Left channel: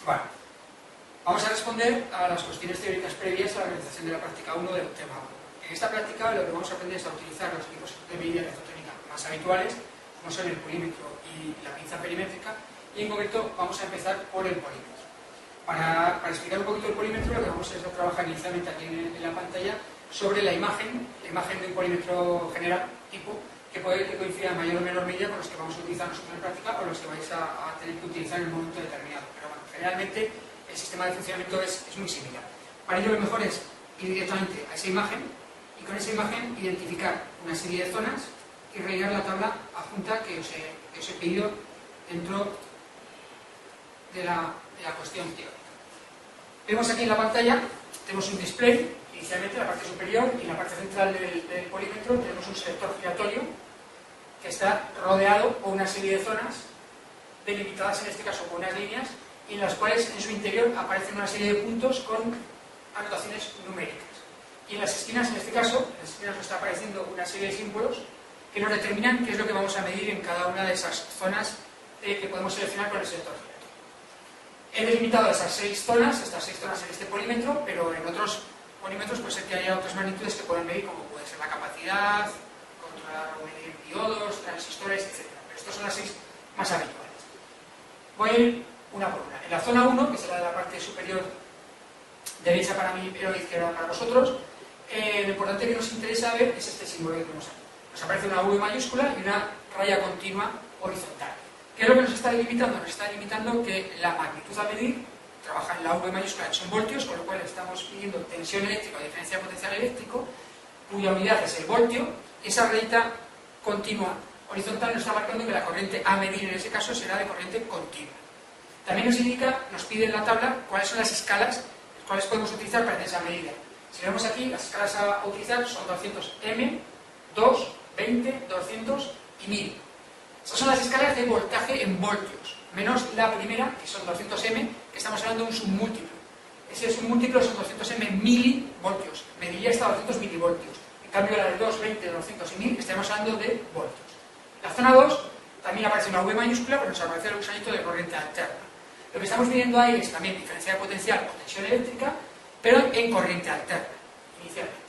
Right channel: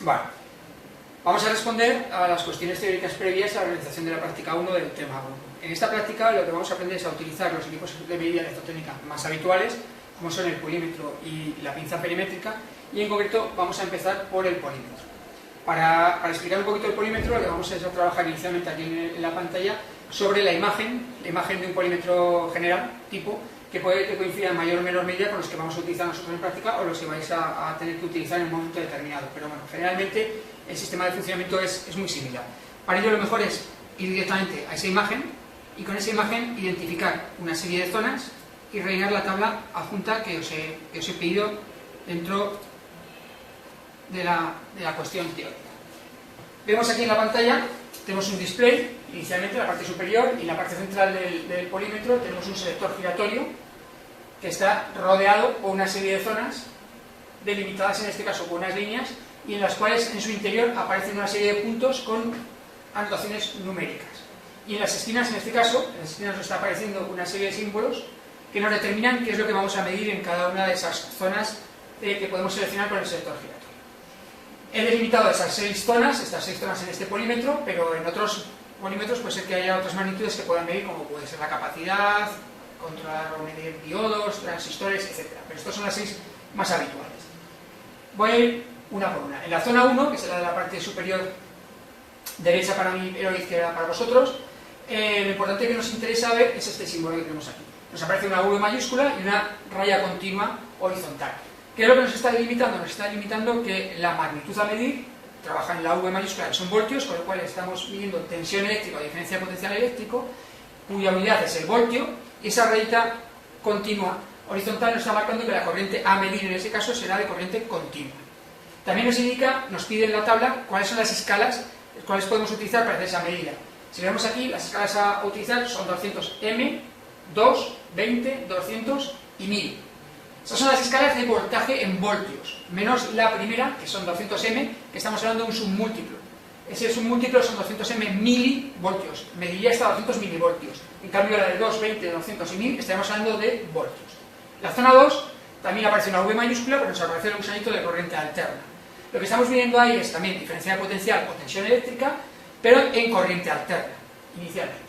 Vale. Vamos a responder a las cuestiones teóricas previas a la realización de la práctica 1 del tema 1. En esta práctica lo que vamos a aprender es a utilizar los equipos de medida electrotécnica más habituales, como son el polímetro y la pinza perimétrica, y en concreto vamos a empezar por el polímetro. Para explicar un poquito el polímetro, lo que vamos a trabajar inicialmente aquí en la pantalla sobre la imagen de un polímetro general, tipo, que puede coincidir en mayor o menor medida con los que vamos a utilizar nosotros en práctica o los que vais a tener que utilizar en un momento determinado. Pero bueno, generalmente el sistema de funcionamiento es muy similar. Para ello lo mejor es ir directamente a esa imagen y con esa imagen identificar una serie de zonas y rellenar la tabla adjunta que os he pedido dentro de la cuestión teórica. Vemos aquí en la pantalla, tenemos un display, inicialmente en la parte superior y en la parte central del polímetro tenemos un selector giratorio que está rodeado por una serie de zonas delimitadas en este caso por unas líneas y en las cuales en su interior aparecen una serie de puntos con anotaciones numéricas. Y en las esquinas, en este caso, en las esquinas nos está apareciendo una serie de símbolos que nos determinan qué es lo que vamos a medir en cada una de esas zonas que podemos seleccionar con el selector giratorio. He delimitado estas seis zonas en este polímetro, pero en otros polímetros puede ser que haya otras magnitudes que puedan medir, como puede ser la capacidad, controlar o medir diodos, transistores, etc. Pero estas son las seis más habituales. Voy a ir una por una. En la zona 1, que será la parte superior derecha para mí, pero izquierda para vosotros, lo importante que nos interesa ver es este símbolo que tenemos aquí. Nos aparece una V mayúscula y una raya continua horizontal. ¿Qué es lo que nos está delimitando? Nos está delimitando que la magnitud a medir trabaja en la V mayúscula, que son voltios, con lo cual estamos midiendo tensión eléctrica o diferencia de potencial eléctrico, cuya unidad es el voltio, y esa rayita continua horizontal nos está marcando que la corriente a medir en ese caso será de corriente continua. También nos pide en la tabla cuáles son las escalas cuáles podemos utilizar para hacer esa medida. Si vemos aquí, las escalas a utilizar son 200M, 2, 20, 200 y 1000. Estas son las escalas de voltaje en voltios, menos la primera, que son 200M, que estamos hablando de un submúltiplo. Ese submúltiplo son 200M milivoltios, mediría hasta 200 milivoltios. En cambio, la de 2, 20, 200 y 1000 estaremos hablando de voltios. La zona 2 también aparece una V mayúscula, pero nos aparece el gusanito de corriente alterna. Lo que estamos viendo ahí es también diferencia de potencial o tensión eléctrica, pero en corriente alterna, inicialmente.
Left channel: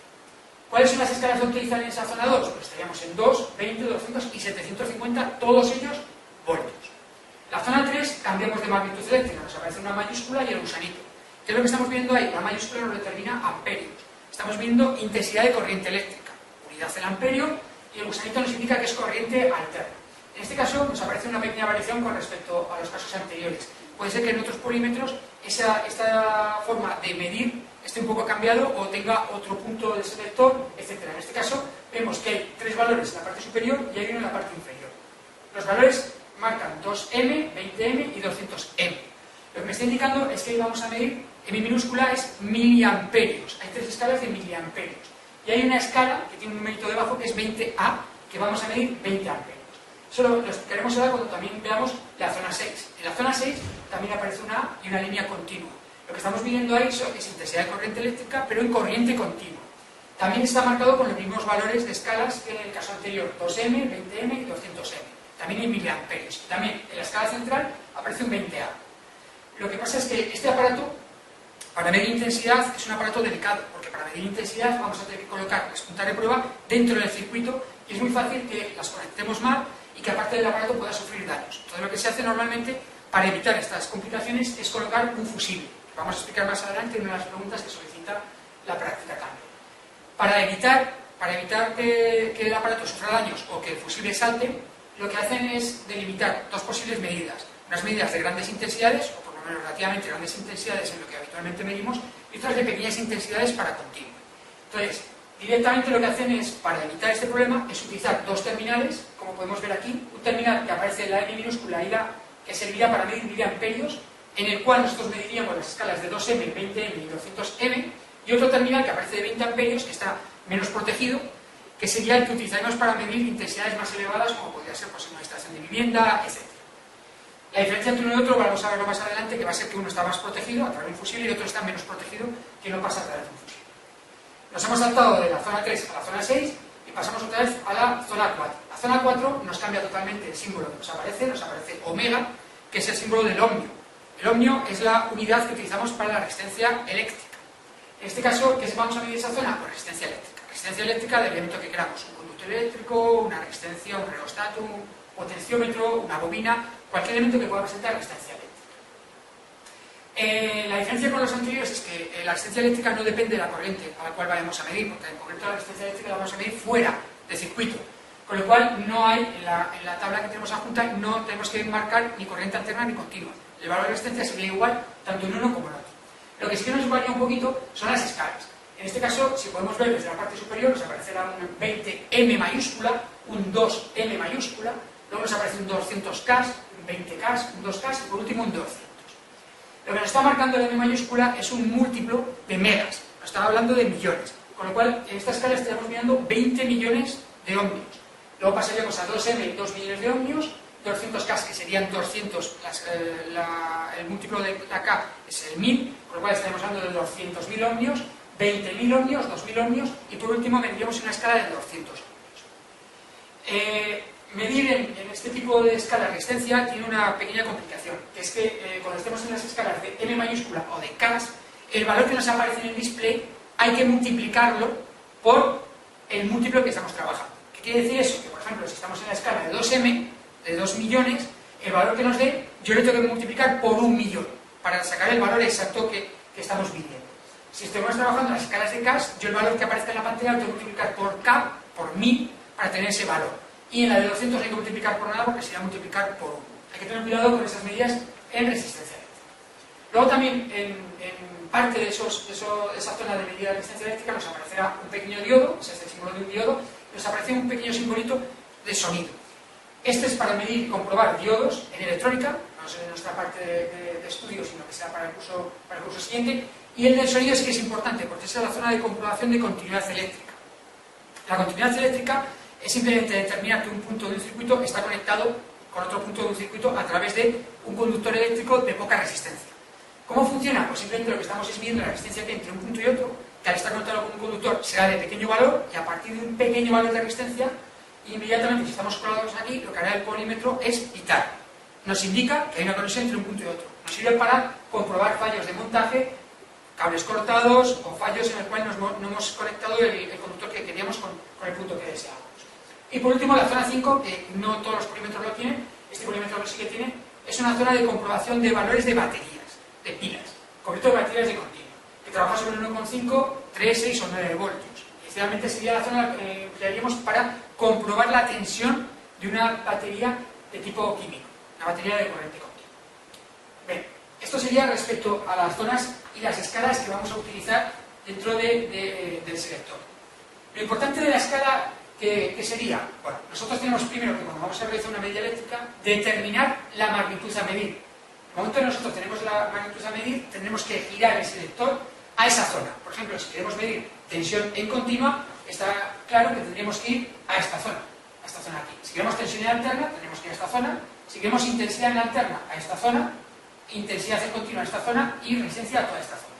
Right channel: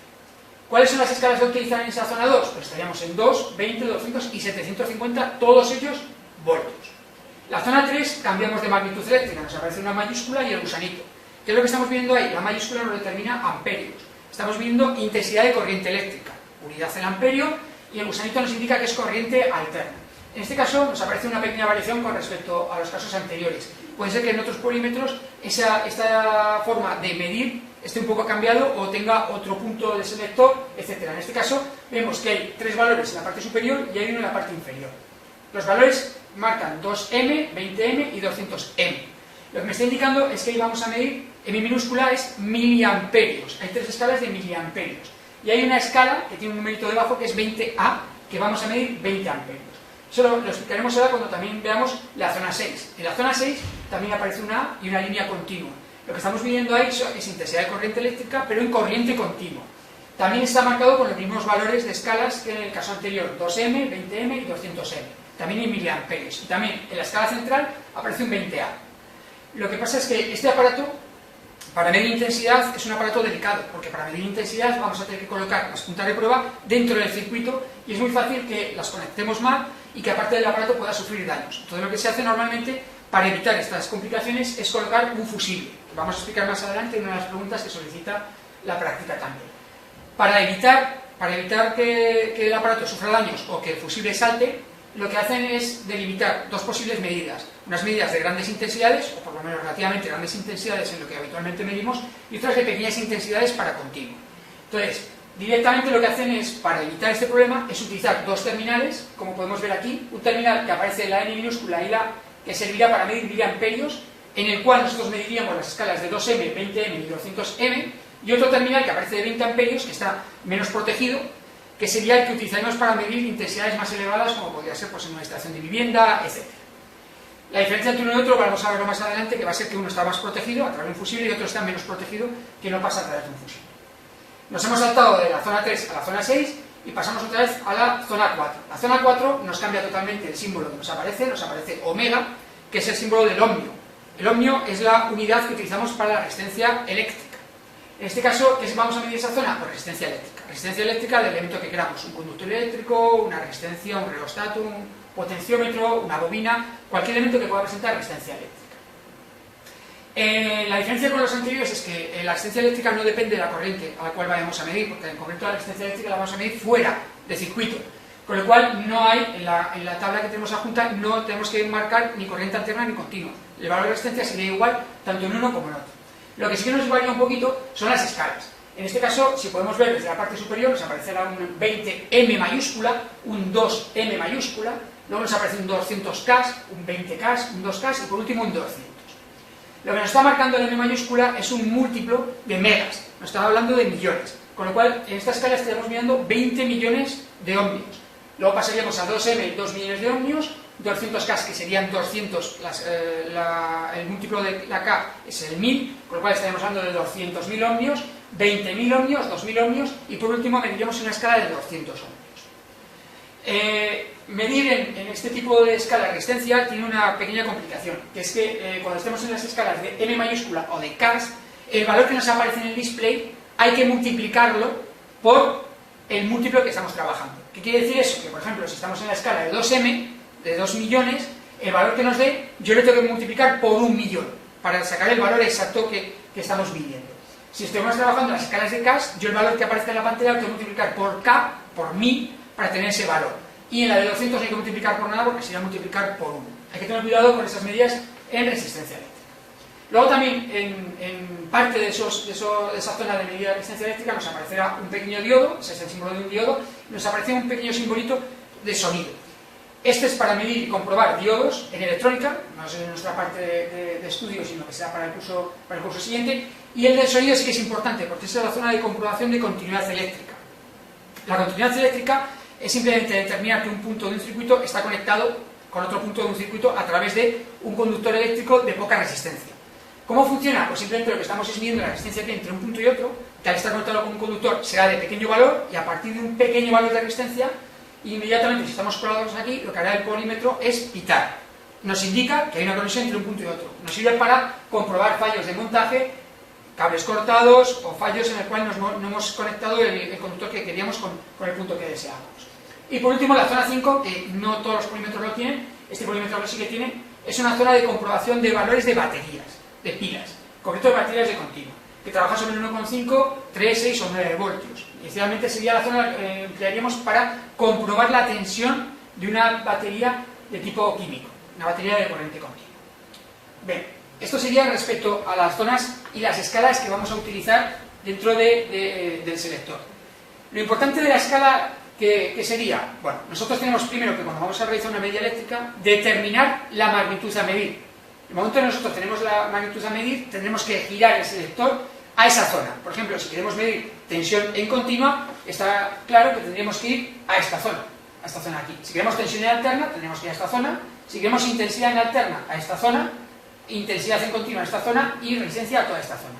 ¿Cuáles son las escalas a utilizar en esa zona 2? Pues estaríamos en 2, 20, 200 y 750, todos ellos voltios. La zona 3 cambiamos de magnitud eléctrica, nos aparece una mayúscula y el gusanito. ¿Qué es lo que estamos viendo ahí? La mayúscula nos determina amperios. Estamos viendo intensidad de corriente eléctrica, unidad en amperio, y el gusanito nos indica que es corriente alterna. En este caso nos aparece una pequeña variación con respecto a los casos anteriores. Puede ser que en otros polímetros esta forma de medir esté un poco cambiado o tenga otro punto de selector, etc. En este caso vemos que hay tres valores en la parte superior y hay uno en la parte inferior. Los valores marcan 2M, 20M y 200M. Lo que me está indicando es que ahí vamos a medir, M minúscula es miliamperios. Hay tres escalas de miliamperios. Y hay una escala que tiene un numerito debajo que es 20A, que vamos a medir 20 amperios. Eso lo explicaremos ahora cuando también veamos la zona 6. En la zona 6 también aparece una A y una línea continua. Lo que estamos midiendo ahí es intensidad de corriente eléctrica, pero en corriente continua. También está marcado con los mismos valores de escalas que en el caso anterior, 2M, 20M y 200M. También en miliamperios. Y también en la escala central aparece un 20A. Lo que pasa es que este aparato, para medir intensidad, es un aparato delicado, porque para medir intensidad vamos a tener que colocar las puntas de prueba dentro del circuito y es muy fácil que las conectemos mal y que aparte del aparato pueda sufrir daños. Entonces lo que se hace normalmente para evitar estas complicaciones es colocar un fusible, que vamos a explicar más adelante en una de las preguntas que solicita la práctica también. Para evitar que el aparato sufra daños o que el fusible salte, lo que hacen es delimitar dos posibles medidas. Unas medidas de grandes intensidades, o por lo menos relativamente grandes intensidades en lo que habitualmente medimos, y otras de pequeñas intensidades para continuo. Entonces, directamente lo que hacen es, para evitar este problema, es utilizar dos terminales, como podemos ver aquí, un terminal que aparece la M minúscula y la A, que servirá para medir miliamperios, en el cual nosotros mediríamos las escalas de 2M, 20M y 200M, y otro terminal que aparece de 20 amperios, que está menos protegido, que sería el que utilizaremos para medir intensidades más elevadas, como podría ser pues, en una instalación de vivienda, etc. La diferencia entre uno y otro, vamos a verlo más adelante, que va a ser que uno está más protegido a través de un fusible y otro está menos protegido, que no pasa a través de un fusible. Nos hemos saltado de la zona 3 a la zona 6 y pasamos otra vez a la zona 4. La zona 4 nos cambia totalmente el símbolo que nos aparece omega, que es el símbolo del ohmio. El ohmio es la unidad que utilizamos para la resistencia eléctrica. En este caso, ¿qué vamos a medir esa zona? Pues resistencia eléctrica. Resistencia eléctrica del elemento que queramos, un conductor eléctrico, una resistencia, un rheostato, un potenciómetro, una bobina, cualquier elemento que pueda presentar resistencia eléctrica. La diferencia con los anteriores es que la resistencia eléctrica no depende de la corriente a la cual vayamos a medir, porque en concreto la resistencia eléctrica la vamos a medir fuera del circuito, con lo cual no hay, en la tabla que tenemos adjunta, no tenemos que marcar ni corriente alterna ni continua. El valor de resistencia sería igual tanto en uno como en otro. Lo que sí que nos varía un poquito son las escalas. En este caso, si podemos ver desde la parte superior, nos aparecerá un 20M mayúscula, un 2M mayúscula, luego nos aparece un 200K, un 20K, un 2K y por último un 200. Lo que nos está marcando el M mayúscula es un múltiplo de megas, nos está hablando de millones, con lo cual en esta escala estaríamos mirando 20 millones de ohmios. Luego pasaríamos a 2M, 2 millones de ohmios, 200K, que serían 200, el múltiplo de la K es el 1000, con lo cual estaríamos hablando de 200.000 ohmios, 20.000 ohmios, 2.000 ohmios, y por último mediríamos una escala de 200 ohmios. Medir en este tipo de escala de resistencia tiene una pequeña complicación, que es que cuando estemos en las escalas de M mayúscula o de K, el valor que nos aparece en el display hay que multiplicarlo por el múltiplo que estamos trabajando. ¿Qué quiere decir eso? Que por ejemplo, si estamos en la escala de 2M, de 2 millones, el valor que nos dé, yo le tengo que multiplicar por 1 millón, para sacar el valor exacto que estamos midiendo. Si estamos trabajando en las escalas de K, yo el valor que aparece en la pantalla lo tengo que multiplicar por K, por 1000, para tener ese valor. Y en la de 200 no hay que multiplicar por nada porque sería multiplicar por 1. Hay que tener cuidado con esas medidas en resistencia eléctrica. Luego también, en parte de esa zona de medida de resistencia eléctrica, nos aparecerá un pequeño diodo, ese es el símbolo de un diodo, y nos aparece un pequeño simbolito de sonido. Este es para medir y comprobar diodos en electrónica, no es en nuestra parte de estudio, sino que será para el curso siguiente. Y el del sonido sí que es importante, porque esa es la zona de comprobación de continuidad eléctrica. La continuidad eléctrica es simplemente determinar que un punto de un circuito está conectado con otro punto de un circuito a través de un conductor eléctrico de poca resistencia. ¿Cómo funciona? Pues simplemente lo que estamos es midiendo la resistencia que hay entre un punto y otro, que al estar conectado con un conductor será de pequeño valor, y a partir de un pequeño valor de resistencia, inmediatamente, si estamos colados aquí, lo que hará el polímetro es pitar. Nos indica que hay una conexión entre un punto y otro. Nos sirve para comprobar fallos de montaje, cables cortados o fallos en el cual no hemos conectado el conductor que queríamos con el punto que deseábamos. Y por último, la zona 5, que no todos los polímetros lo tienen, este polímetro lo sí que tiene, es una zona de comprobación de valores de baterías, de pilas, en concreto de baterías de continuo, que trabaja sobre 1,5, 3, 6 o 9 voltios. Inicialmente sería la zona que emplearíamos para comprobar la tensión de una batería de tipo químico, una batería de corriente continua. Bien, esto sería respecto a las zonas y las escalas que vamos a utilizar dentro del selector. Lo importante de la escala, ¿qué sería? Bueno, nosotros tenemos primero que cuando vamos a realizar una medida eléctrica, determinar la magnitud a medir. En el momento que nosotros tenemos la magnitud a medir, tendremos que girar el selector a esa zona. Por ejemplo, si queremos medir tensión en continua, está claro que tendríamos que ir a esta zona aquí. Si queremos tensión en alterna, tendremos que ir a esta zona. Si queremos intensidad en alterna, a esta zona. Intensidad en continua a esta zona y resistencia a toda esta zona.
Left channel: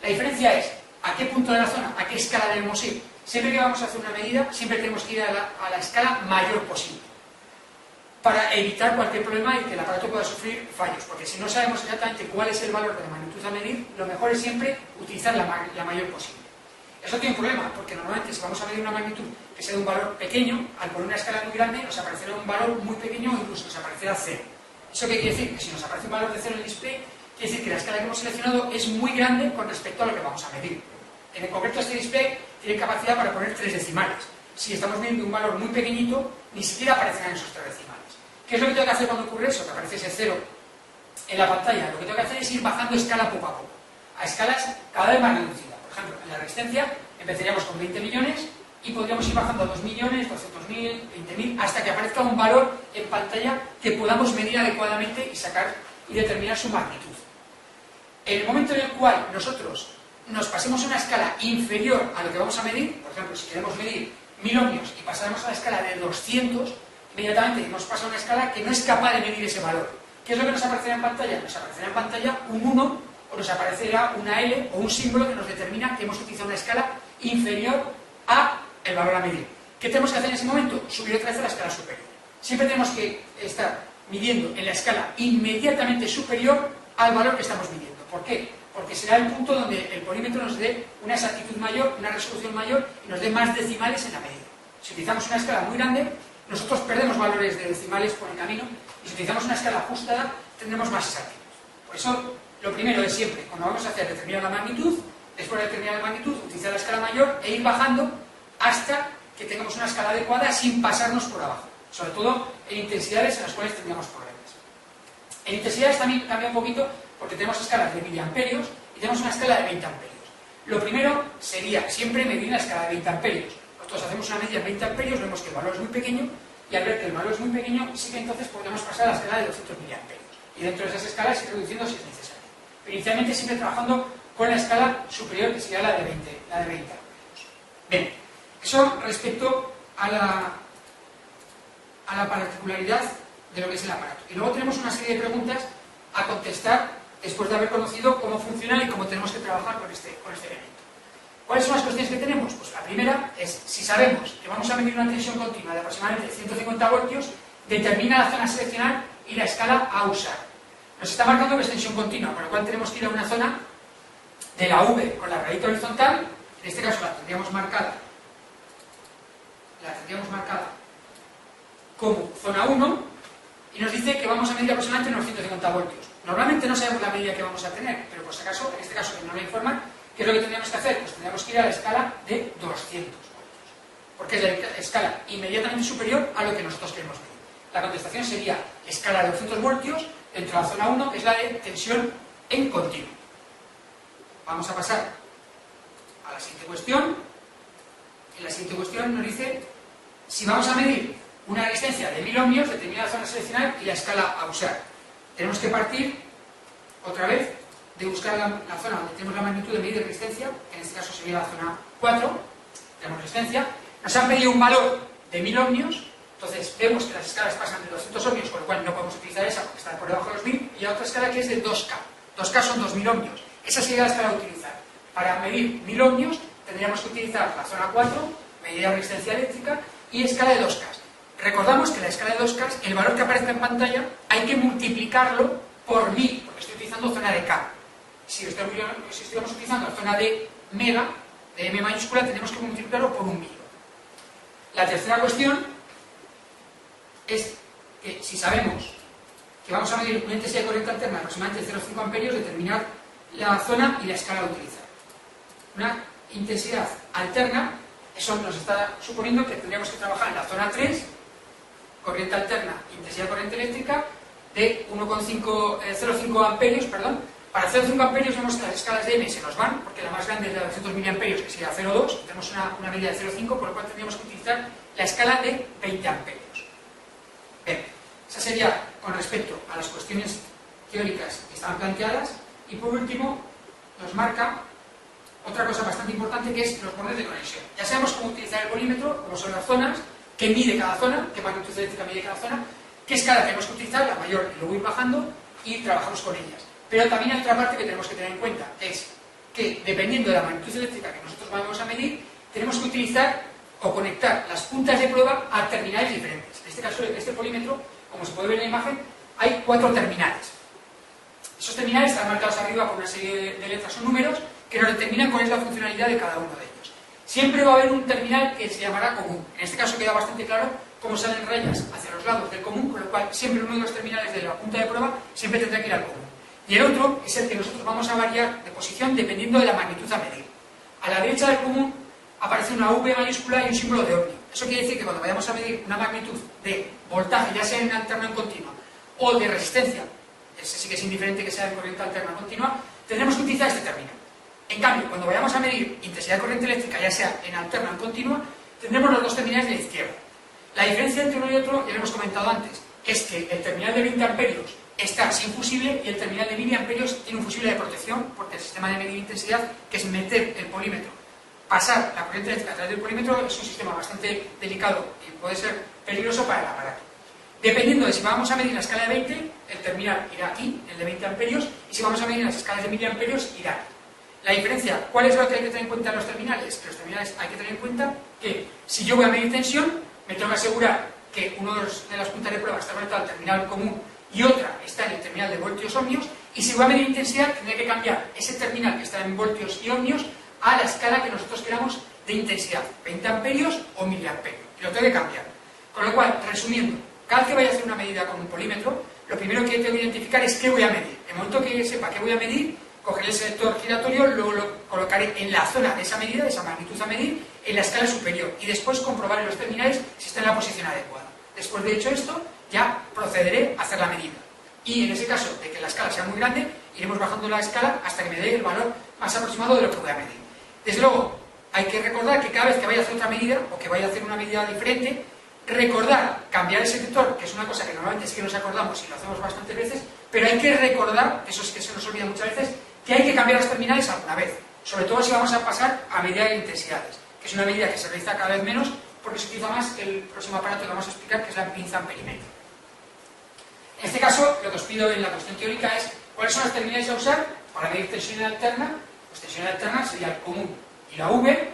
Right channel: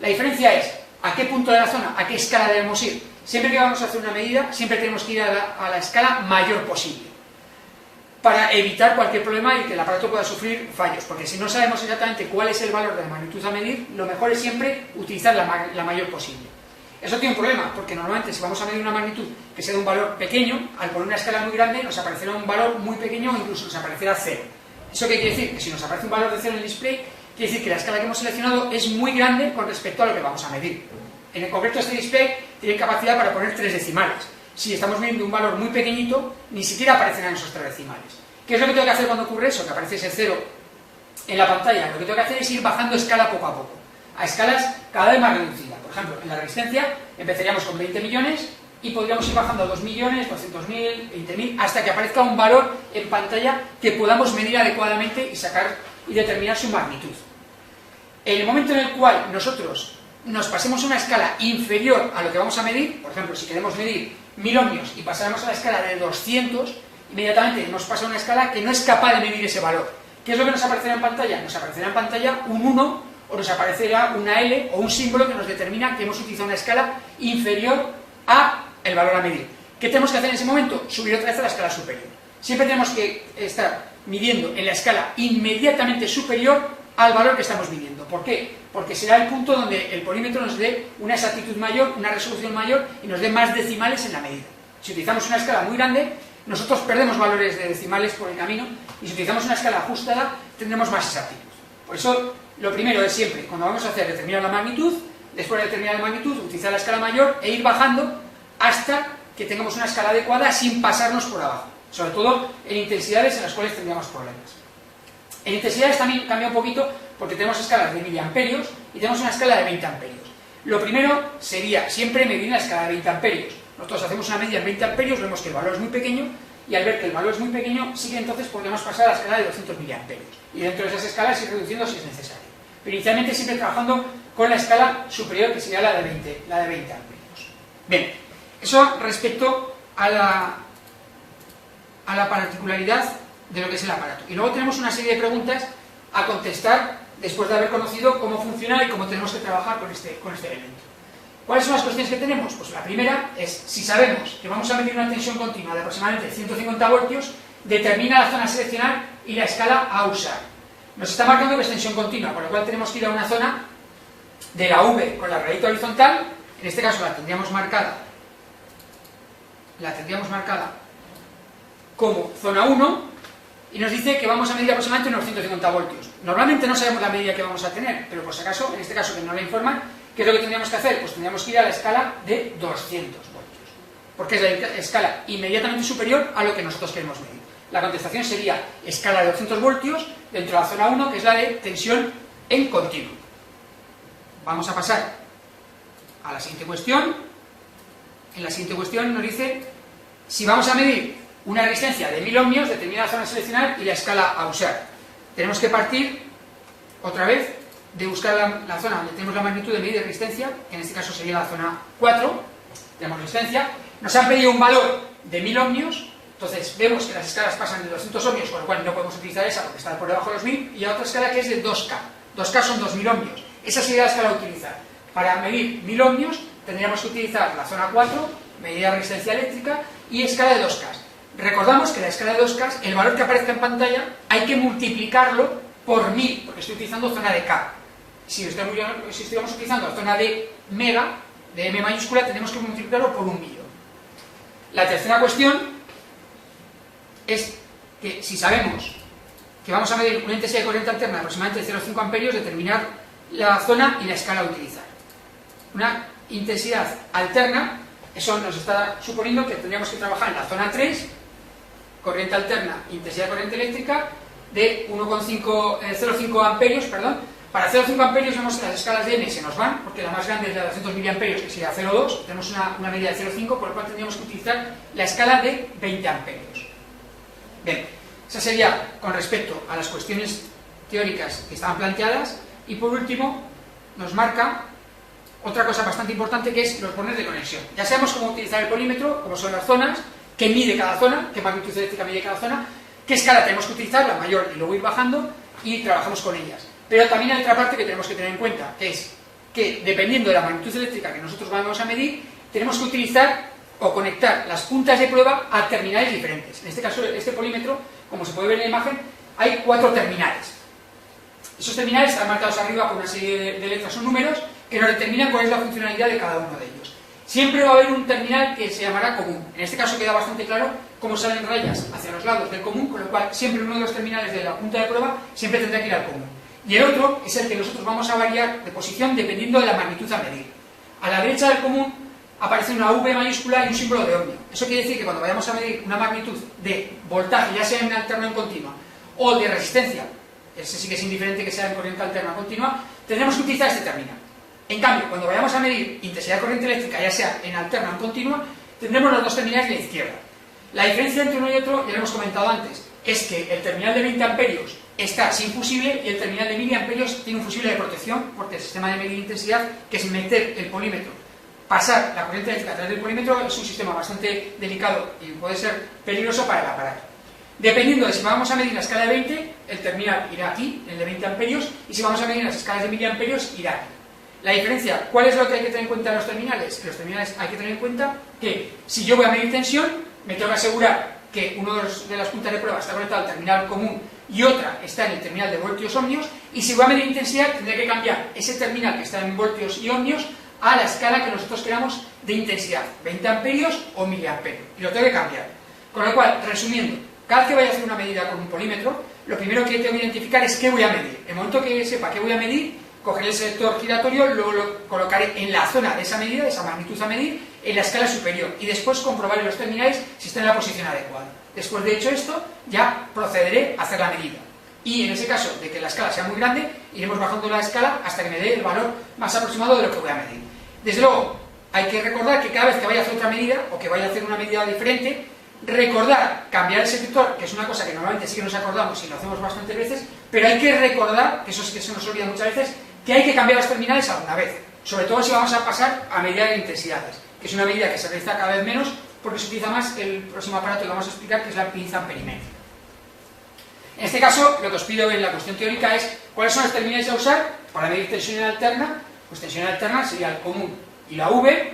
La diferencia es a qué punto de la zona, a qué escala debemos ir. Siempre que vamos a hacer una medida, siempre tenemos que ir a la escala mayor posible, para evitar cualquier problema y que el aparato pueda sufrir fallos, porque si no sabemos exactamente cuál es el valor de la magnitud a medir, lo mejor es siempre utilizar la mayor posible. Eso tiene un problema, porque normalmente si vamos a medir una magnitud que sea de un valor pequeño, al poner una escala muy grande nos aparecerá un valor muy pequeño o incluso nos aparecerá 0. ¿Eso qué quiere decir? Que si nos aparece un valor de 0 en el display, quiere decir que la escala que hemos seleccionado es muy grande con respecto a lo que vamos a medir. En el concreto este display tiene capacidad para poner 3 decimales. Si estamos midiendo un valor muy pequeñito, ni siquiera aparecerán esos 3 decimales. ¿Qué es lo que tengo que hacer cuando ocurre eso? Que aparece ese 0 en la pantalla. Lo que tengo que hacer es ir bajando escala poco a poco, a escalas cada vez más reducidas. Por ejemplo, en la resistencia empezaríamos con 20 millones y podríamos ir bajando a 2 millones, 200.000, 20.000, hasta que aparezca un valor en pantalla que podamos medir adecuadamente y sacar y determinar su magnitud. En el momento en el cual nosotros nos pasemos a una escala inferior a lo que vamos a medir, por ejemplo, si queremos medir 1000 ohmios y pasáramos a la escala de 200, inmediatamente nos pasa a una escala que no es capaz de medir ese valor. ¿Qué es lo que nos aparecerá en pantalla? Nos aparecerá en pantalla un 1 o nos aparecerá una L o un símbolo que nos determina que hemos utilizado una escala inferior a el valor a medir. ¿Qué tenemos que hacer en ese momento? Subir otra vez a la escala superior. Siempre tenemos que estar midiendo en la escala inmediatamente superior al valor que estamos midiendo. ¿Por qué? Porque será el punto donde el polímetro nos dé una exactitud mayor, una resolución mayor y nos dé más decimales en la medida. Si utilizamos una escala muy grande, nosotros perdemos valores de decimales por el camino, y si utilizamos una escala ajustada tendremos más exactitud. Por eso lo primero es siempre, cuando vamos a hacer, determinar la magnitud, después de determinar la magnitud, utilizar la escala mayor e ir bajando hasta que tengamos una escala adecuada sin pasarnos por abajo, sobre todo en intensidades en las cuales tendríamos problemas. En intensidades también cambia un poquito porque tenemos escalas de miliamperios y tenemos una escala de 20 amperios. Lo primero sería siempre medir la escala de 20 amperios. Nosotros hacemos una media en 20 amperios, vemos que el valor es muy pequeño, y al ver que el valor es muy pequeño, sí que entonces podemos pasar a la escala de 200 miliamperios. Y dentro de esas escalas ir reduciendo si es necesario. Pero inicialmente siempre trabajando con la escala superior, que sería la de 20 amperios. Bien, eso respecto a la particularidad de lo que es el aparato. Y luego tenemos una serie de preguntas a contestar después de haber conocido cómo funciona y cómo tenemos que trabajar con este elemento. ¿Cuáles son las cuestiones que tenemos? Pues la primera es, si sabemos que vamos a medir una tensión continua de aproximadamente 150 voltios, determina la zona a seleccionar y la escala a usar. Nos está marcando que es tensión continua, por lo cual tenemos que ir a una zona de la V con la rayita horizontal, en este caso la tendríamos marcada como zona 1, y nos dice que vamos a medir aproximadamente unos 150 voltios. Normalmente no sabemos la medida que vamos a tener, pero por si acaso, en este caso que no la informan, ¿qué es lo que tendríamos que hacer? Pues tendríamos que ir a la escala de 200 voltios, porque es la escala inmediatamente superior a lo que nosotros queremos medir. La contestación sería escala de 200 voltios dentro de la zona 1, que es la de tensión en continuo. Vamos a pasar a la siguiente cuestión. En la siguiente cuestión nos dice si vamos a medir una resistencia de 1000 ohmios, determina la zona a seleccionar y la escala a usar. Tenemos que partir otra vez de buscar la zona donde tenemos la magnitud de medida de resistencia, que en este caso sería la zona 4, tenemos resistencia. Nos han pedido un valor de 1000 ohmios, entonces vemos que las escalas pasan de 200 ohmios, con lo cual no podemos utilizar esa porque está por debajo de los 1000, y a otra escala que es de 2K. 2K son 2000 ohmios. Esa sería la escala a utilizar. Para medir 1000 ohmios tendríamos que utilizar la zona 4, medida de resistencia eléctrica, y escala de 2K. Recordamos que la escala de 2K, el valor que aparece en pantalla, hay que multiplicarlo por 1000, porque estoy utilizando zona de K. Si estuviéramos utilizando la zona de mega, de M mayúscula, tenemos que multiplicarlo por 1.000.000. La tercera cuestión es que si sabemos que vamos a medir una intensidad de corriente alterna de aproximadamente 0,5 amperios, determinar la zona y la escala a utilizar. Una intensidad alterna, eso nos está suponiendo que tendríamos que trabajar en la zona 3, corriente alterna, intensidad de corriente eléctrica de 0,5 amperios, perdón. Para 0,5 amperios vemos que las escalas de M se nos van, porque la más grande es la de 200 miliamperios, que sería 0,2, tenemos una medida de 0,5, por lo cual tendríamos que utilizar la escala de 20 amperios. Bien, esa sería con respecto a las cuestiones teóricas que estaban planteadas, y por último nos marca otra cosa bastante importante, que es los bornes de conexión. Ya sabemos cómo utilizar el polímetro, cómo son las zonas, qué mide cada zona, qué magnitud eléctrica mide cada zona, qué escala tenemos que utilizar, la mayor, y luego ir bajando, y trabajamos con ellas. Pero también hay otra parte que tenemos que tener en cuenta, que es que dependiendo de la magnitud eléctrica que nosotros vamos a medir, tenemos que utilizar o conectar las puntas de prueba a terminales diferentes. En este caso, este polímetro, como se puede ver en la imagen, hay 4 terminales. Esos terminales están marcados arriba con una serie de letras o números que nos determinan cuál es la funcionalidad de cada uno de ellos. Siempre va a haber un terminal que se llamará común. En este caso queda bastante claro cómo salen rayas hacia los lados del común, con lo cual siempre uno de los terminales de la punta de prueba siempre tendrá que ir al común. Y el otro es el que nosotros vamos a variar de posición dependiendo de la magnitud a medir. A la derecha del común aparece una V mayúscula y un símbolo de ohmio. Eso quiere decir que cuando vayamos a medir una magnitud de voltaje, ya sea en alterno o en continua, o de resistencia, ese sí que es indiferente que sea en corriente alterna o continua, tendremos que utilizar este terminal. En cambio, cuando vayamos a medir intensidad de corriente eléctrica, ya sea en alterna o en continua, tendremos los dos terminales de la izquierda. La diferencia entre uno y otro, ya lo hemos comentado antes, es que el terminal de 20 amperios está sin fusible y el terminal de 1000 amperios tiene un fusible de protección, porque el sistema de medir intensidad, que es meter el polímetro, pasar la corriente eléctrica a través del polímetro, es un sistema bastante delicado y puede ser peligroso para el aparato. Dependiendo de si vamos a medir la escala de 20, el terminal irá aquí, el de 20 amperios, y si vamos a medir las escalas de 1000 amperios, irá aquí. La diferencia, ¿cuál es lo que hay que tener en cuenta en los terminales? Que los terminales hay que tener en cuenta que si yo voy a medir tensión, me tengo que asegurar que uno de las puntas de prueba está conectado al terminal común y otra está en el terminal de voltios ohmios, y si voy a medir intensidad tendré que cambiar ese terminal que está en voltios y ohmios a la escala que nosotros queramos de intensidad, 20 amperios o miliamperios, y lo tengo que cambiar. Con lo cual, resumiendo, cada vez que vaya a hacer una medida con un polímetro, lo primero que tengo que identificar es qué voy a medir. En el momento que sepa qué voy a medir, cogeré el selector giratorio, luego lo colocaré en la zona de esa medida, de esa magnitud a medir, en la escala superior, y después comprobaré los terminales si están en la posición adecuada. Después de hecho esto, ya procederé a hacer la medida. Y en ese caso de que la escala sea muy grande, iremos bajando la escala hasta que me dé el valor más aproximado de lo que voy a medir. Desde luego, hay que recordar que cada vez que vaya a hacer otra medida, o que vaya a hacer una medida diferente, recordar cambiar el selector, que es una cosa que normalmente sí que nos acordamos y lo hacemos bastantes veces, pero hay que recordar, que eso sí que se nos olvida muchas veces, que hay que cambiar los terminales alguna vez, sobre todo si vamos a pasar a medida de intensidades, que es una medida que se realiza cada vez menos porque se utiliza más el próximo aparato que vamos a explicar, que es la pinza amperimétrica. En este caso, lo que os pido en la cuestión teórica es cuáles son los terminales a usar para medir tensión en alterna. Pues tensión en alterna sería el común y la V.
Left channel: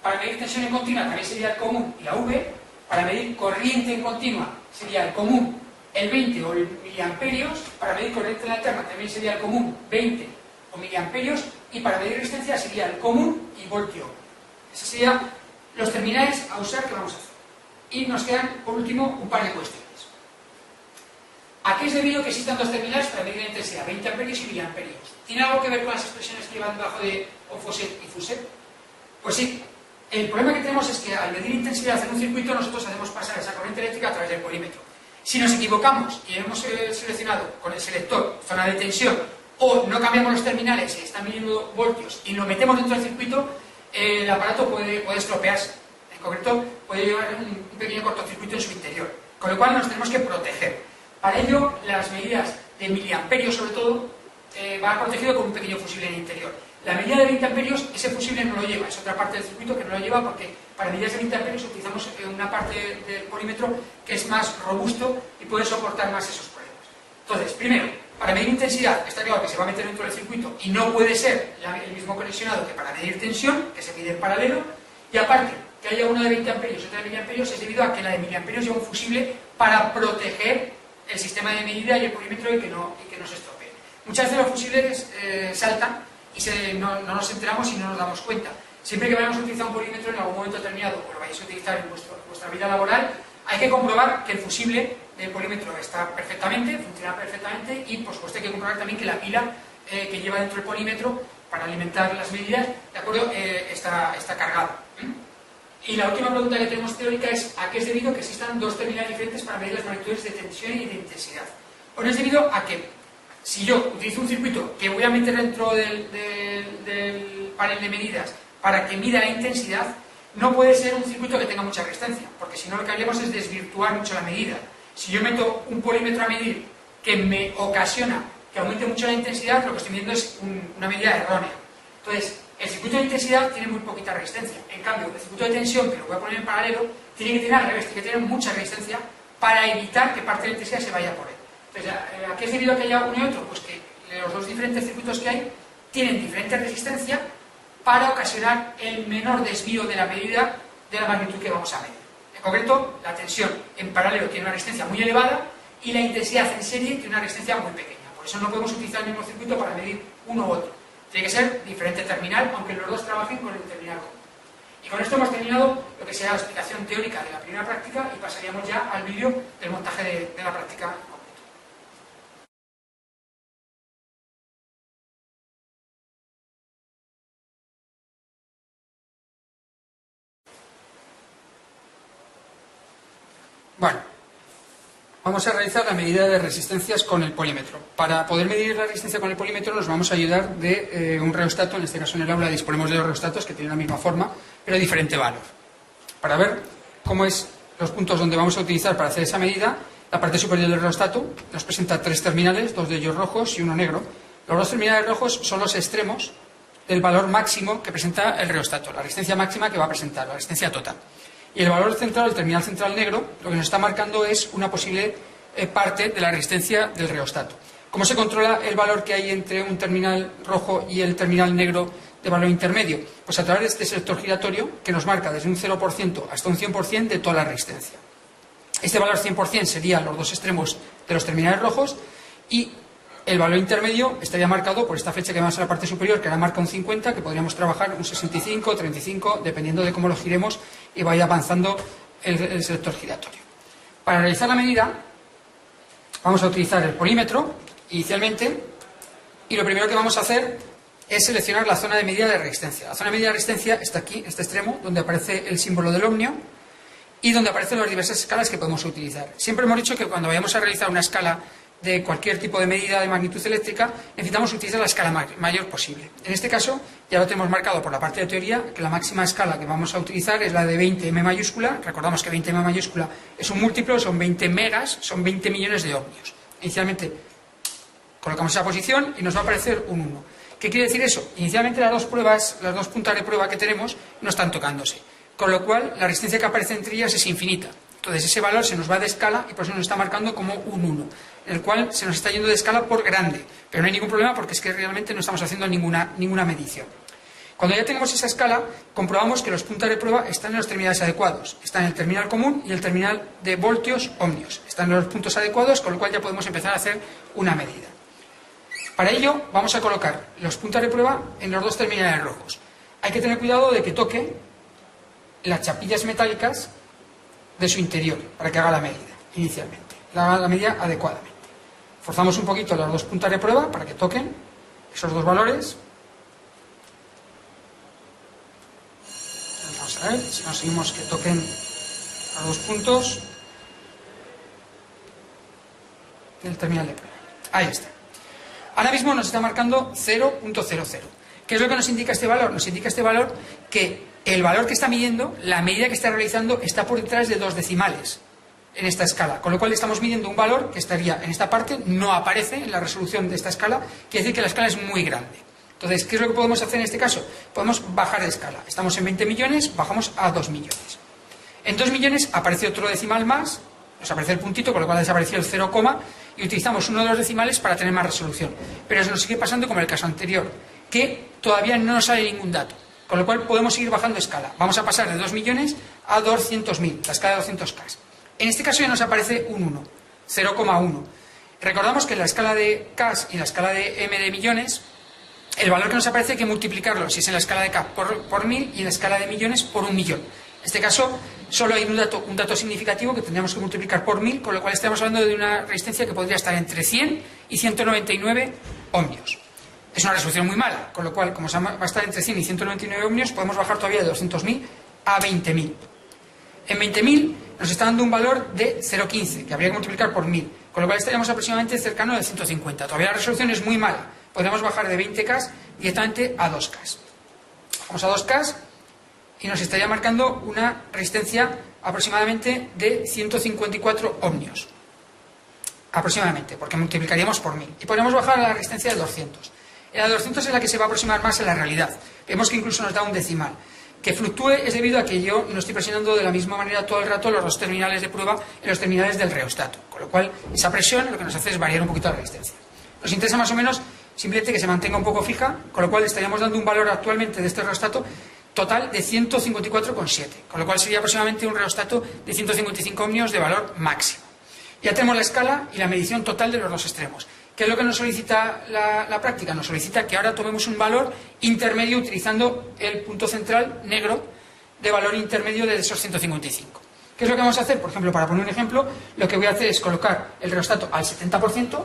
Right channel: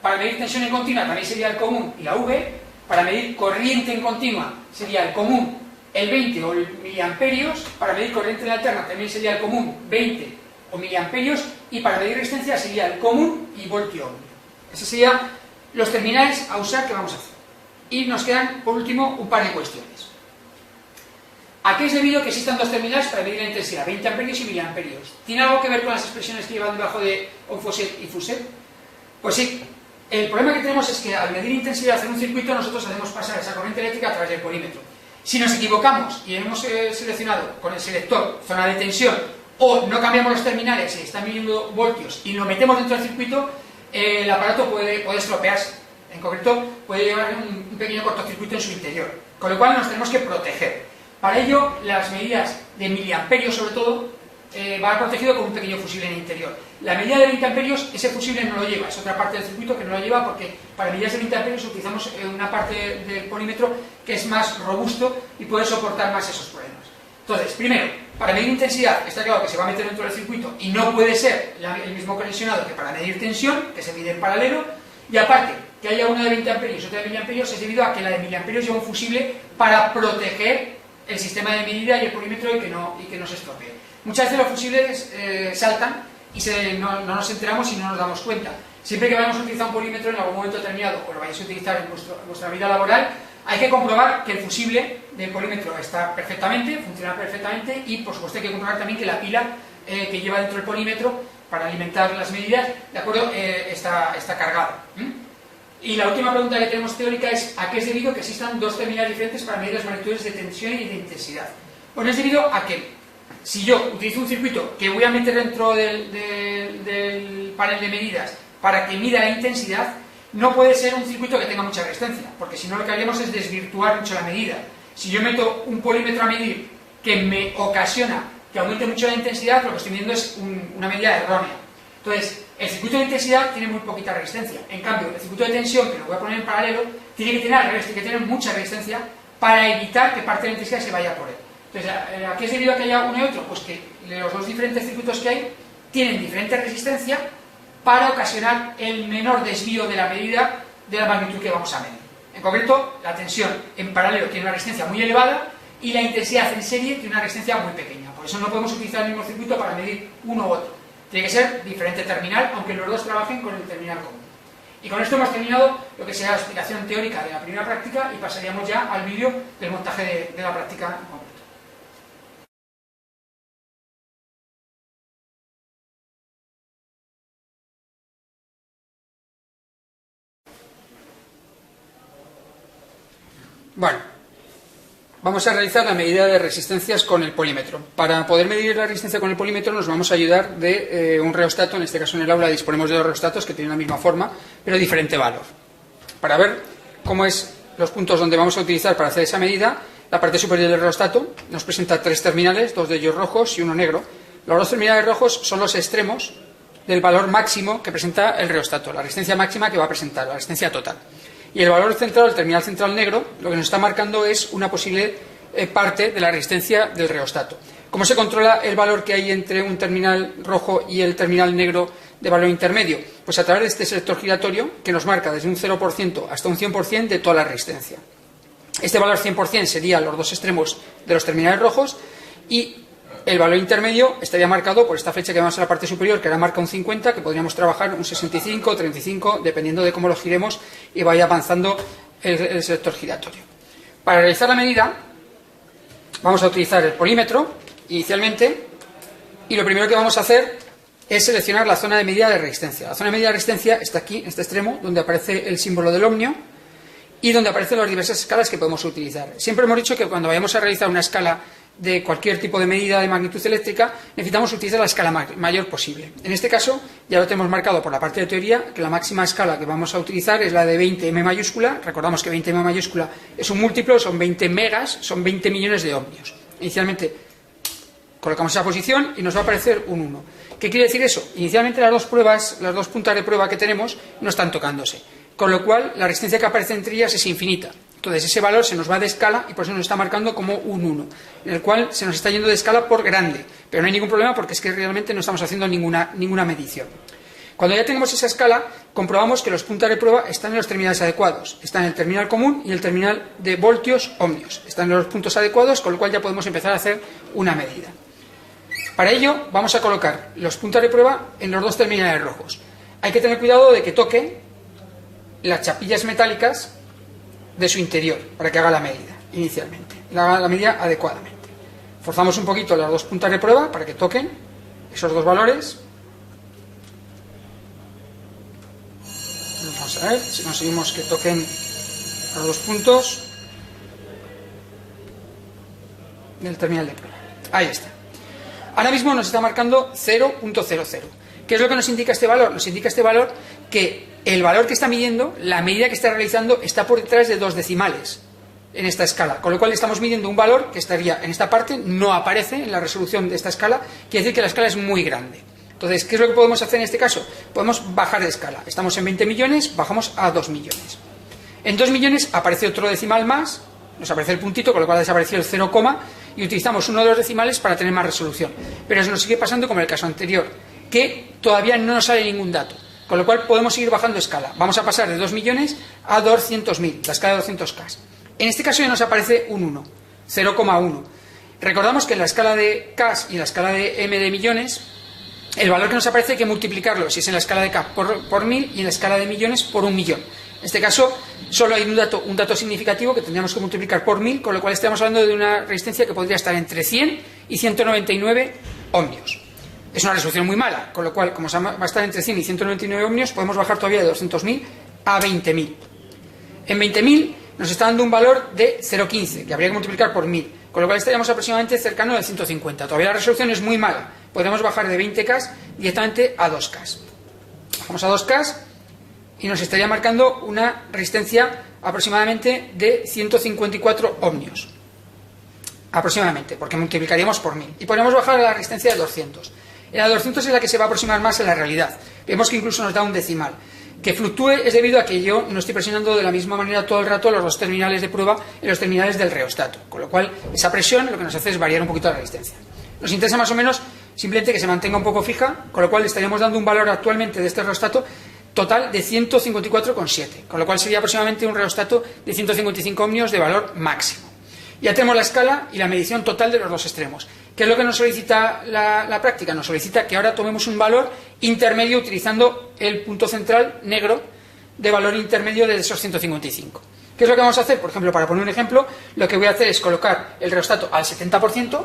Para medir tensión en continua también sería el común y la V. Para medir corriente en continua sería el común, el 20 o miliamperios. Para medir corriente en alterna también sería el común, 20 o miliamperios. Y para medir resistencia sería el común y voltio ohmio. Esos serían los terminales a usar que vamos a hacer. Y nos quedan, por último, un par de cuestiones. ¿A qué es debido que existan dos terminales para medir la intensidad, 20 amperios y miliamperios? ¿Tiene algo que ver con las expresiones que llevan debajo de Onfoset y Fuset? Pues sí. El problema que tenemos es que al medir intensidad en un circuito nosotros hacemos pasar esa corriente eléctrica a través del polímetro. Si nos equivocamos y hemos seleccionado con el selector zona de tensión o no cambiamos los terminales y están midiendo voltios y lo metemos dentro del circuito, el aparato puede estropearse. En concreto, puede llevar un pequeño cortocircuito en su interior. Con lo cual nos tenemos que proteger. Para ello, las medidas de miliamperios, sobre todo, va protegido con un pequeño fusible en el interior. La medida de 20 amperios, ese fusible no lo lleva, es otra parte del circuito que no lo lleva porque para medidas de 20 amperios utilizamos una parte del polímetro que es más robusto y puede soportar más esos problemas. Entonces, primero, para medir intensidad, está claro que se va a meter dentro del circuito y no puede ser el mismo conexionado que para medir tensión, que se mide en paralelo, y aparte, que haya una de 20 amperios y otra de miliamperios es debido a que la de miliamperios lleva un fusible para proteger el sistema de medida y el polímetro y que no se estropee. Muchas veces los fusibles saltan y no nos enteramos y no nos damos cuenta. Siempre que vayamos a utilizar un polímetro en algún momento determinado o lo vayáis a utilizar en vuestra vida laboral, hay que comprobar que el fusible del polímetro está perfectamente, funciona perfectamente y por supuesto hay que comprobar también que la pila que lleva dentro del polímetro para alimentar las medidas, ¿de acuerdo?, está cargada. Y la última pregunta que tenemos teórica es ¿a qué es debido que existan dos terminales diferentes para medir las magnitudes de tensión y de intensidad? Bueno, es debido a que si yo utilizo un circuito que voy a meter dentro del panel de medidas para que mida la intensidad, no puede ser un circuito que tenga mucha resistencia, porque si no lo que haríamos es desvirtuar mucho la medida. Si yo meto un polímetro a medir que me ocasiona que aumente mucho la intensidad, lo que estoy midiendo es una medida errónea. Entonces, el circuito de intensidad tiene muy poquita resistencia. En cambio, el circuito de tensión, que lo voy a poner en paralelo, tiene que tener al revés, tiene que tener mucha resistencia para evitar que parte de la intensidad se vaya por él. Entonces, ¿a qué es debido a que haya uno y otro? Pues que los dos diferentes circuitos que hay tienen diferente resistencia para ocasionar el menor desvío de la medida de la magnitud que vamos a medir. En concreto, la tensión en paralelo tiene una resistencia muy elevada y la intensidad en serie tiene una resistencia muy pequeña. Por eso no podemos utilizar el mismo circuito para medir uno u otro. Tiene que ser diferente terminal, aunque los dos trabajen con el terminal común. Y con esto hemos terminado lo que será la explicación teórica de la primera práctica y pasaríamos ya al vídeo del montaje de la práctica en concreto. Bueno, vamos a realizar la medida de resistencias con el polímetro. Para poder medir la resistencia con el polímetro nos vamos a ayudar de un reostato. En este caso en el aula disponemos de dos reostatos que tienen la misma forma, pero diferente valor. Para ver cómo es los puntos donde vamos a utilizar para hacer esa medida, la parte superior del reostato nos presenta tres terminales, dos de ellos rojos y uno negro. Los dos terminales rojos son los extremos del valor máximo que presenta el reostato, la resistencia máxima que va a presentar, la resistencia total. Y el valor central, el terminal central negro, lo que nos está marcando es una posible parte de la resistencia del reostato. ¿Cómo se controla el valor que hay entre un terminal rojo y el terminal negro de valor intermedio? Pues a través de este selector giratorio que nos marca desde un 0% hasta un 100% de toda la resistencia. Este valor 100% sería los dos extremos de los terminales rojos y el valor intermedio estaría marcado por esta flecha que vemos en la parte superior, que ahora marca un 50, que podríamos trabajar un 65, 35, dependiendo de cómo lo giremos y vaya avanzando el selector giratorio. Para realizar la medida vamos a utilizar el polímetro inicialmente y lo primero que vamos a hacer es seleccionar la zona de medida de resistencia. La zona de medida de resistencia está aquí, en este extremo, donde aparece el símbolo del ohmio y donde aparecen las diversas escalas que podemos utilizar. Siempre hemos dicho que cuando vayamos a realizar una escala de cualquier tipo de medida de magnitud eléctrica, necesitamos utilizar la escala mayor posible. En este caso, ya lo tenemos marcado por la parte de teoría, que la máxima escala que vamos a utilizar es la de 20 M mayúscula. Recordamos que 20 M mayúscula es un múltiplo, son 20 megas, son 20 millones de ohmios. Inicialmente colocamos esa posición y nos va a aparecer un 1. ¿Qué quiere decir eso? Inicialmente las dos puntas de prueba que tenemos no están tocándose, con lo cual la resistencia que aparece entre ellas es infinita. Entonces ese valor se nos va de escala y por eso nos está marcando como un 1, en el cual se nos está yendo de escala por grande, pero no hay ningún problema porque es que realmente no estamos haciendo ninguna medición. Cuando ya tenemos esa escala, comprobamos que los puntos de prueba están en los terminales adecuados. Están en el terminal común y el terminal de voltios ohmios. Están en los puntos adecuados, con lo cual ya podemos empezar a hacer una medida. Para ello vamos a colocar los puntos de prueba en los dos terminales rojos. Hay que tener cuidado de que toque las chapillas metálicas de su interior para que haga la medida inicialmente, haga la medida adecuadamente. Forzamos un poquito las dos puntas de prueba para que toquen esos dos valores. Vamos a ver si conseguimos que toquen los dos puntos del terminal de prueba. Ahí está. Ahora mismo nos está marcando 0.00. ¿Qué es lo que nos indica este valor? Nos indica este valor que el valor que está midiendo, la medida que está realizando, está por detrás de 2 decimales en esta escala, con lo cual estamos midiendo un valor que estaría en esta parte, no aparece en la resolución de esta escala, quiere decir que la escala es muy grande. Entonces, ¿qué es lo que podemos hacer en este caso? Podemos bajar de escala. Estamos en 20 millones, bajamos a 2 millones. En 2 millones aparece otro decimal más, nos aparece el puntito, con lo cual desapareció el 0, y utilizamos uno de los decimales para tener más resolución. Pero eso nos sigue pasando como en el caso anterior, que todavía no nos sale ningún dato. Con lo cual podemos seguir bajando escala. Vamos a pasar de 2 millones a 200.000, la escala de 200K. En este caso ya nos aparece un 1, 0,1. Recordamos que en la escala de K y en la escala de M de millones, el valor que nos aparece hay que multiplicarlo, si es en la escala de K por 1000 y en la escala de millones por 1 millón. En este caso solo hay un dato significativo que tendríamos que multiplicar por 1000, con lo cual estamos hablando de una resistencia que podría estar entre 100 y 199 ohmios. Es una resolución muy mala, con lo cual, como va a estar entre 100 y 199 ohmios, podemos bajar todavía de 200.000 a 20.000. En 20.000 nos está dando un valor de 0,15, que habría que multiplicar por 1000, con lo cual estaríamos aproximadamente cercano de 150. Todavía la resolución es muy mala. Podríamos bajar de 20K directamente a 2K. Bajamos a 2K y nos estaría marcando una resistencia aproximadamente de 154 ohmios. Aproximadamente, porque multiplicaríamos por 1000. Y podríamos bajar a la resistencia de 200. La 200 es la que se va a aproximar más a la realidad. Vemos que incluso nos da un decimal. Que fluctúe es debido a que yo no estoy presionando de la misma manera todo el rato los dos terminales de prueba en los terminales del reostato. Con lo cual, esa presión lo que nos hace es variar un poquito la resistencia. Nos interesa más o menos simplemente que se mantenga un poco fija, con lo cual estaríamos dando un valor actualmente de este reostato total de 154,7. Con lo cual sería aproximadamente un reostato de 155 ohmios de valor máximo. Ya tenemos la escala y la medición total de los dos extremos. ¿Qué es lo que nos solicita la práctica? Nos solicita que ahora tomemos un valor intermedio utilizando el punto central negro de valor intermedio de esos 155. ¿Qué es lo que vamos a hacer? Por ejemplo, para poner un ejemplo, lo que voy a hacer es colocar el reostato al 70%,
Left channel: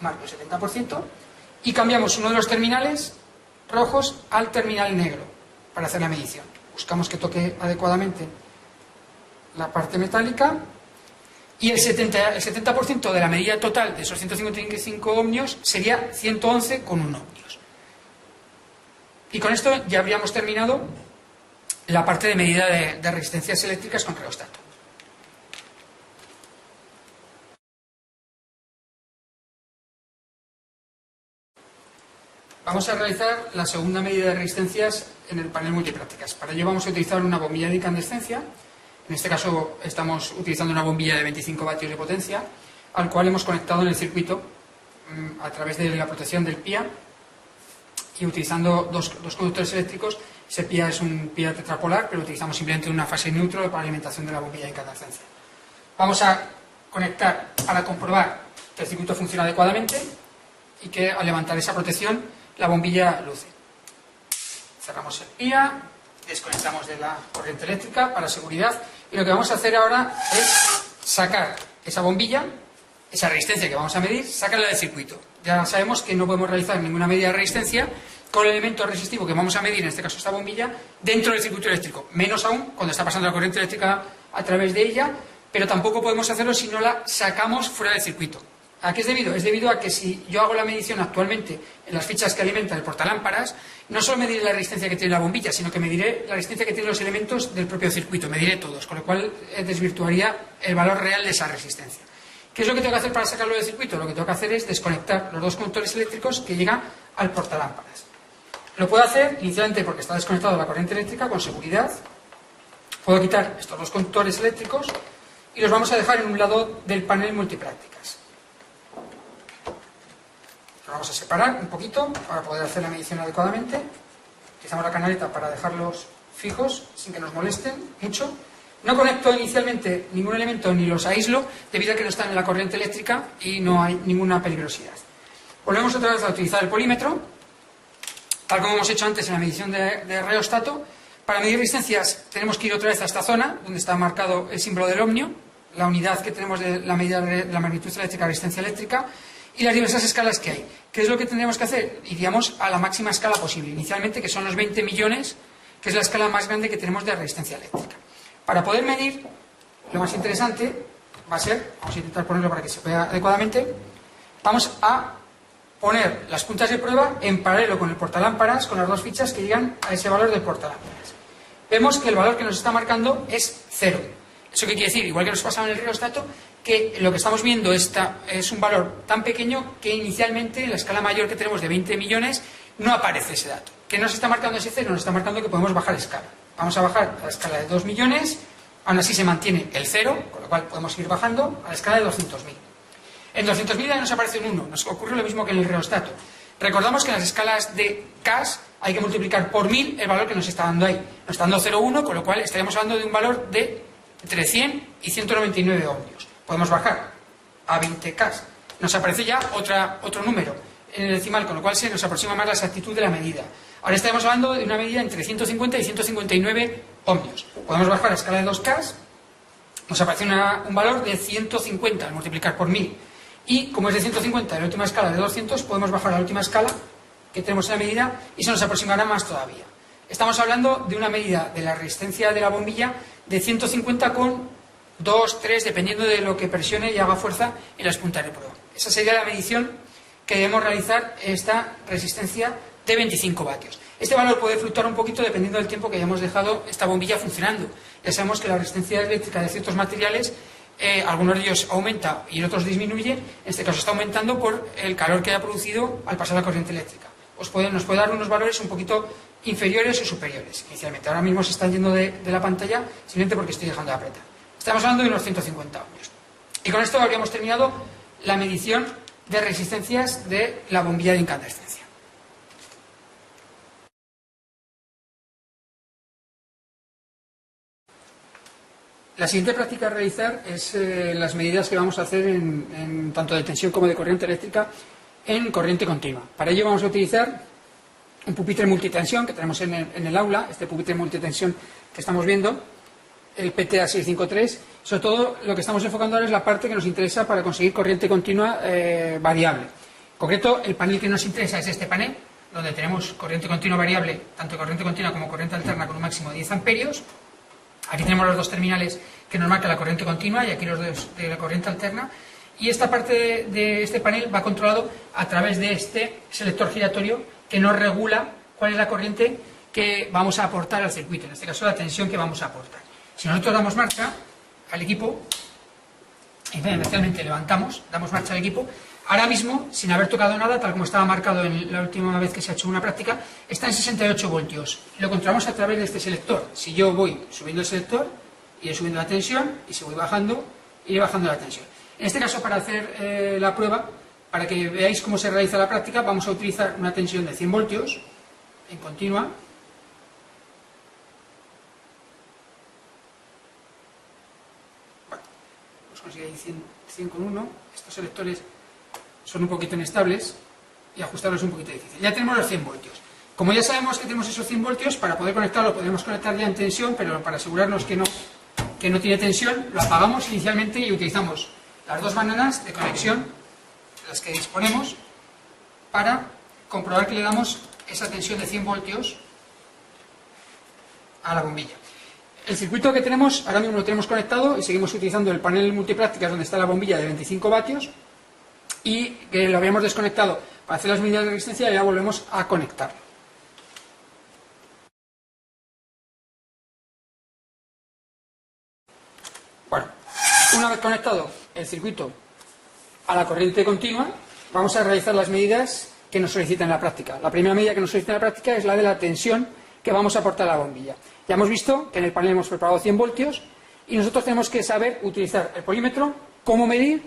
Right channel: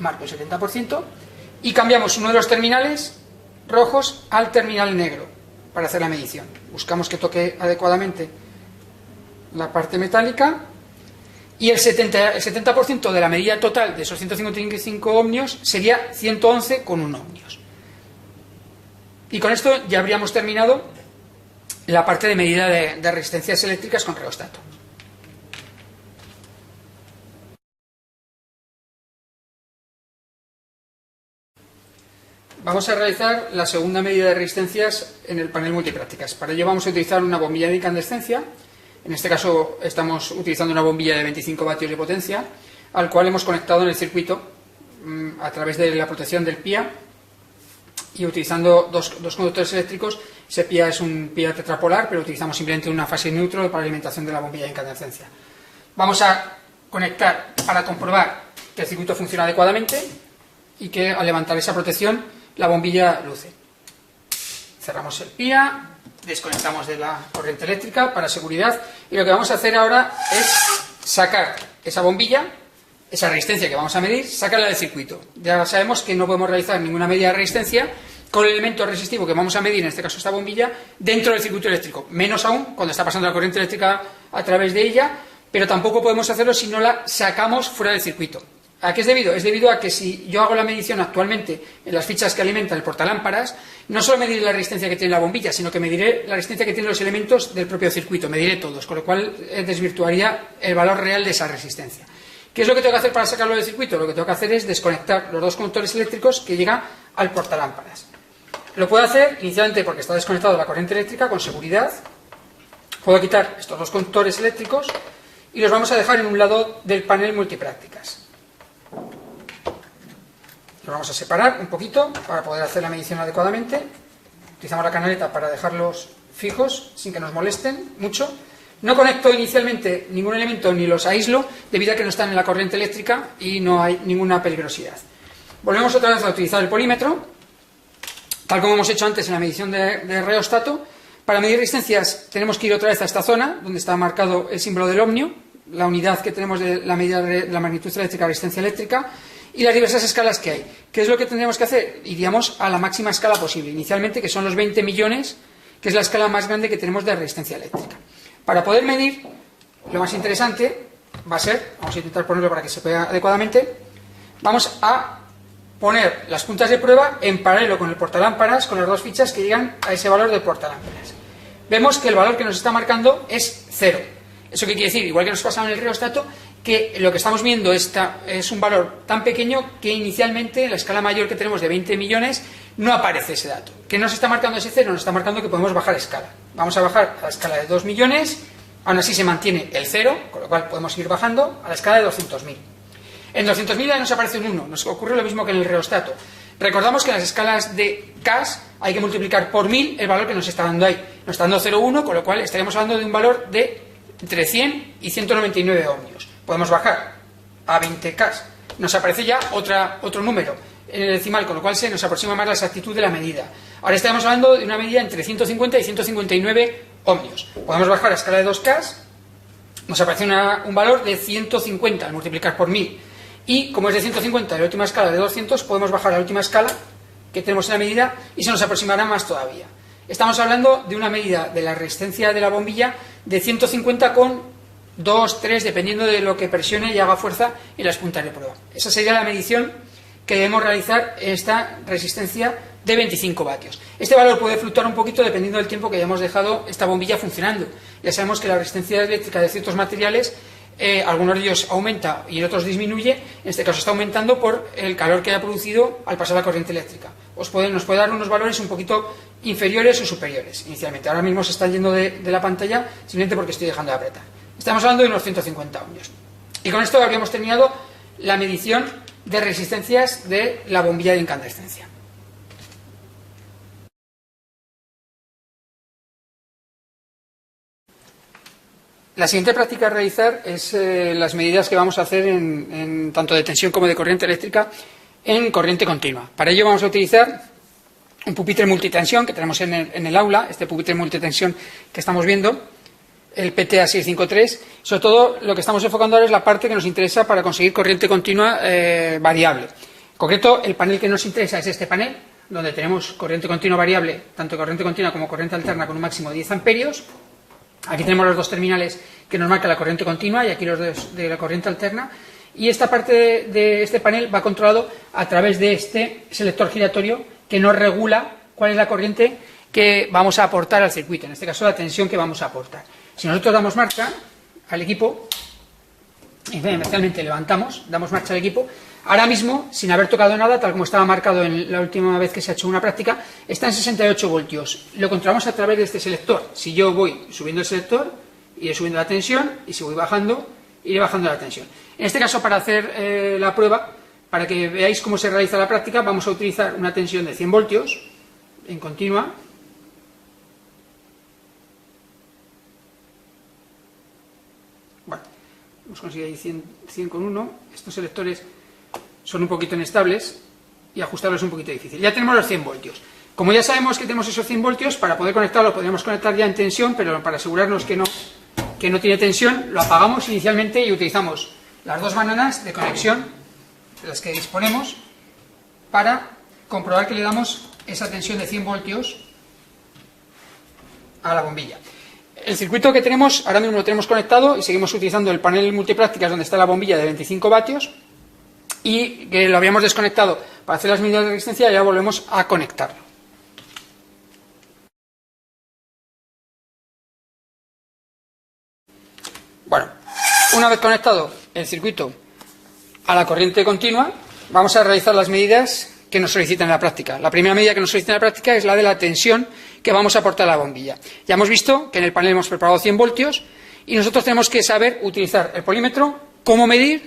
marco el 70%, y cambiamos uno de los terminales rojos al terminal negro para hacer la medición. Buscamos que toque adecuadamente la parte metálica. Y el 70% de la medida total de esos 155 ohmios sería 111,1 ohmios. Y con esto ya habríamos terminado la parte de medida de resistencias eléctricas con reostato. Vamos a realizar la segunda medida de resistencias en el panel multiprácticas. Para ello vamos a utilizar una bombilla de incandescencia. En este caso estamos utilizando una bombilla de 25 vatios de potencia, al cual hemos conectado en el circuito a través de la protección del PIA y utilizando dos conductores eléctricos. Ese PIA es un PIA tetrapolar, pero utilizamos simplemente una fase neutro para la alimentación de la bombilla de incandescencia. Vamos a conectar para comprobar que el circuito funciona adecuadamente y que al levantar esa protección la bombilla luce. Cerramos el PIA, desconectamos de la corriente eléctrica para seguridad y lo que vamos a hacer ahora es sacar esa bombilla, esa resistencia que vamos a medir, sacarla del circuito. Ya sabemos que no podemos realizar ninguna medida de resistencia con el elemento resistivo que vamos a medir, en este caso esta bombilla, dentro del circuito eléctrico, menos aún cuando está pasando la corriente eléctrica a través de ella, pero tampoco podemos hacerlo si no la sacamos fuera del circuito. ¿A qué es debido? Es debido a que si yo hago la medición actualmente en las fichas que alimenta el portalámparas, no solo mediré la resistencia que tiene la bombilla, sino que mediré la resistencia que tienen los elementos del propio circuito, mediré todos, con lo cual desvirtuaría el valor real de esa resistencia. ¿Qué es lo que tengo que hacer para sacarlo del circuito? Lo que tengo que hacer es desconectar los dos conectores eléctricos que llegan al portalámparas. Lo puedo hacer inicialmente porque está desconectado la corriente eléctrica, con seguridad. Puedo quitar estos dos conectores eléctricos y los vamos a dejar en un lado del panel multiprácticas. Los vamos a separar un poquito para poder hacer la medición adecuadamente. Utilizamos la canaleta para dejarlos fijos sin que nos molesten mucho. No conecto inicialmente ningún elemento ni los aíslo debido a que no están en la corriente eléctrica y no hay ninguna peligrosidad. Volvemos otra vez a utilizar el polímetro, tal como hemos hecho antes en la medición de reostato. Para medir resistencias tenemos que ir otra vez a esta zona donde está marcado el símbolo del ohmio, la unidad que tenemos de la medida de la magnitud eléctrica, resistencia eléctrica, y las diversas escalas que hay. ¿Qué es lo que tendríamos que hacer? Iríamos a la máxima escala posible, inicialmente, que son los 20 millones, que es la escala más grande que tenemos de resistencia eléctrica. Para poder medir, lo más interesante va a ser, vamos a intentar ponerlo para que se vea adecuadamente, vamos a poner las puntas de prueba en paralelo con el portalámparas, con las dos fichas que llegan a ese valor del portalámparas. Vemos que el valor que nos está marcando es 0. ¿Eso qué quiere decir? Igual que nos pasaba en el reostato, que lo que estamos viendo es un valor tan pequeño que inicialmente en la escala mayor que tenemos de 20 millones no aparece ese dato. ¿Qué nos está marcando ese 0? Nos está marcando que podemos bajar escala. Vamos a bajar a la escala de 2 millones, aún así se mantiene el 0, con lo cual podemos ir bajando a la escala de 200.000. En 200.000 ya nos aparece un 1, nos ocurre lo mismo que en el reostato. Recordamos que en las escalas de CAS hay que multiplicar por 1000 el valor que nos está dando ahí. Nos está dando 0,1, con lo cual estaríamos hablando de un valor de entre 100 y 199 ohmios. Podemos bajar a 20K. Nos aparece ya otro número en el decimal, con lo cual se nos aproxima más la exactitud de la medida. Ahora estamos hablando de una medida entre 150 y 159 ohmios. Podemos bajar a escala de 2K, nos aparece un valor de 150 al multiplicar por 1000. Y como es de 150 la última escala de 200, podemos bajar a la última escala que tenemos en la medida y se nos aproximará más todavía. Estamos hablando de una medida de la resistencia de la bombilla de 150 con 2, 3, dependiendo de lo que presione y haga fuerza en las puntas de prueba. Esa sería la medición que debemos realizar esta resistencia de 25 vatios. Este valor puede fluctuar un poquito dependiendo del tiempo que hayamos dejado esta bombilla funcionando. Ya sabemos que la resistencia eléctrica de ciertos materiales, algunos de ellos aumenta y otros disminuye. En este caso está aumentando por el calor que haya producido al pasar la corriente eléctrica. Nos puede dar unos valores un poquito inferiores o superiores inicialmente. Ahora mismo se están yendo de la pantalla simplemente porque estoy dejando de apretar. Estamos hablando de unos 150 ohmios. Y con esto habríamos terminado la medición de resistencias de la bombilla de incandescencia. La siguiente práctica a realizar es las medidas que vamos a hacer en tanto de tensión como de corriente eléctrica en corriente continua. Para ello vamos a utilizar un pupitre multitensión que tenemos en el aula, este pupitre multitensión que estamos viendo, el PTA653. Sobre todo lo que estamos enfocando ahora es la parte que nos interesa para conseguir corriente continua variable. En concreto, el panel que nos interesa es este panel, donde tenemos corriente continua variable, tanto corriente continua como corriente alterna con un máximo de 10 amperios. Aquí tenemos los dos terminales que nos marca la corriente continua y aquí los dos de la corriente alterna. Y esta parte de este panel va controlado a través de este selector giratorio que nos regula cuál es la corriente que vamos a aportar al circuito, en este caso la tensión que vamos a aportar. Si nosotros damos marcha al equipo, especialmente damos marcha al equipo, ahora mismo, sin haber tocado nada, tal como estaba marcado en la última vez que se ha hecho una práctica, está en 68 voltios. Lo controlamos a través de este selector. Si yo voy subiendo el selector, iré subiendo la tensión, y si voy bajando, iré bajando la tensión. En este caso, para hacer la prueba, para que veáis cómo se realiza la práctica, vamos a utilizar una tensión de 100 voltios en continua. hemos conseguido ahí 100 con 1, estos selectores son un poquito inestables y ajustarlos es un poquito difícil. Ya tenemos los 100 voltios. Como ya sabemos que tenemos esos 100 voltios, para poder conectarlo podríamos conectar ya en tensión, pero para asegurarnos que no tiene tensión, lo apagamos inicialmente y utilizamos las dos maneras de conexión de las que disponemos para comprobar que le damos esa tensión de 100 voltios a la bombilla. El circuito que tenemos, ahora mismo lo tenemos conectado y seguimos utilizando el panel multiprácticas donde está la bombilla de 25 vatios y que lo habíamos desconectado para hacer las medidas de resistencia y ya volvemos a conectarlo. Bueno, una vez conectado el circuito a la corriente continua, vamos a realizar las medidas que nos solicitan en la práctica. La primera medida que nos solicita en la práctica es la de la tensión que vamos a aportar a la bombilla. Ya hemos visto que en el panel hemos preparado 100 voltios y nosotros tenemos que saber utilizar el polímetro, cómo medir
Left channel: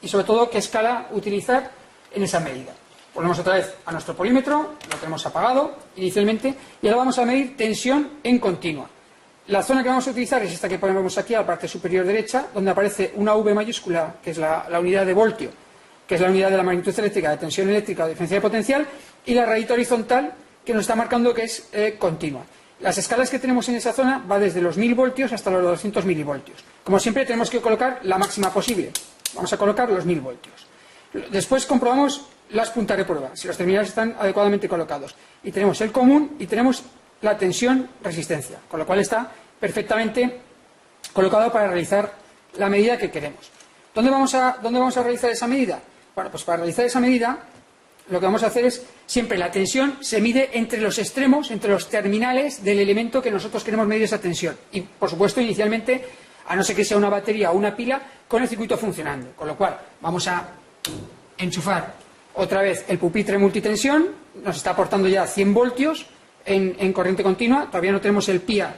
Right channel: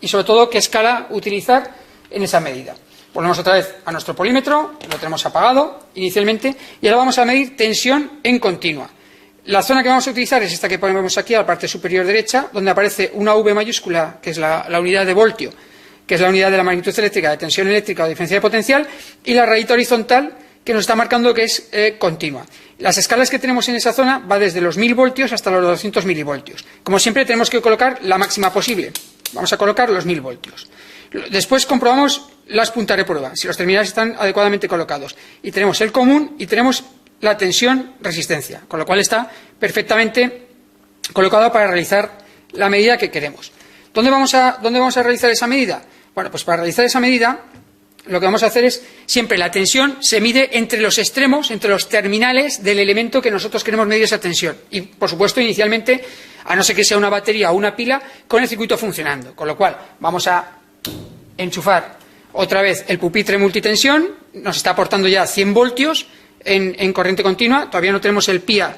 y sobre todo qué escala utilizar en esa medida. Volvemos otra vez a nuestro polímetro, lo tenemos apagado inicialmente y ahora vamos a medir tensión en continua. La zona que vamos a utilizar es esta que ponemos aquí a la parte superior derecha, donde aparece una V mayúscula, que es la unidad de voltio, que es la unidad de la magnitud eléctrica, de tensión eléctrica o diferencia de potencial, y la rayita horizontal que nos está marcando que es continua. Las escalas que tenemos en esa zona va desde los 1000 voltios hasta los 200 milivoltios. Como siempre tenemos que colocar la máxima posible. Vamos a colocar los 1000 voltios. Después comprobamos las puntas de prueba, si los terminales están adecuadamente colocados. Y tenemos el común y tenemos la tensión resistencia, con lo cual está perfectamente colocado para realizar la medida que queremos. ¿Dónde vamos a realizar esa medida? Bueno, pues para realizar esa medida lo que vamos a hacer es, siempre la tensión se mide entre los extremos, entre los terminales del elemento que nosotros queremos medir esa tensión. Y, por supuesto, inicialmente, a no ser que sea una batería o una pila, con el circuito funcionando. Con lo cual, vamos a enchufar otra vez el pupitre multitensión, nos está aportando ya 100 voltios en corriente continua, todavía no tenemos el PIA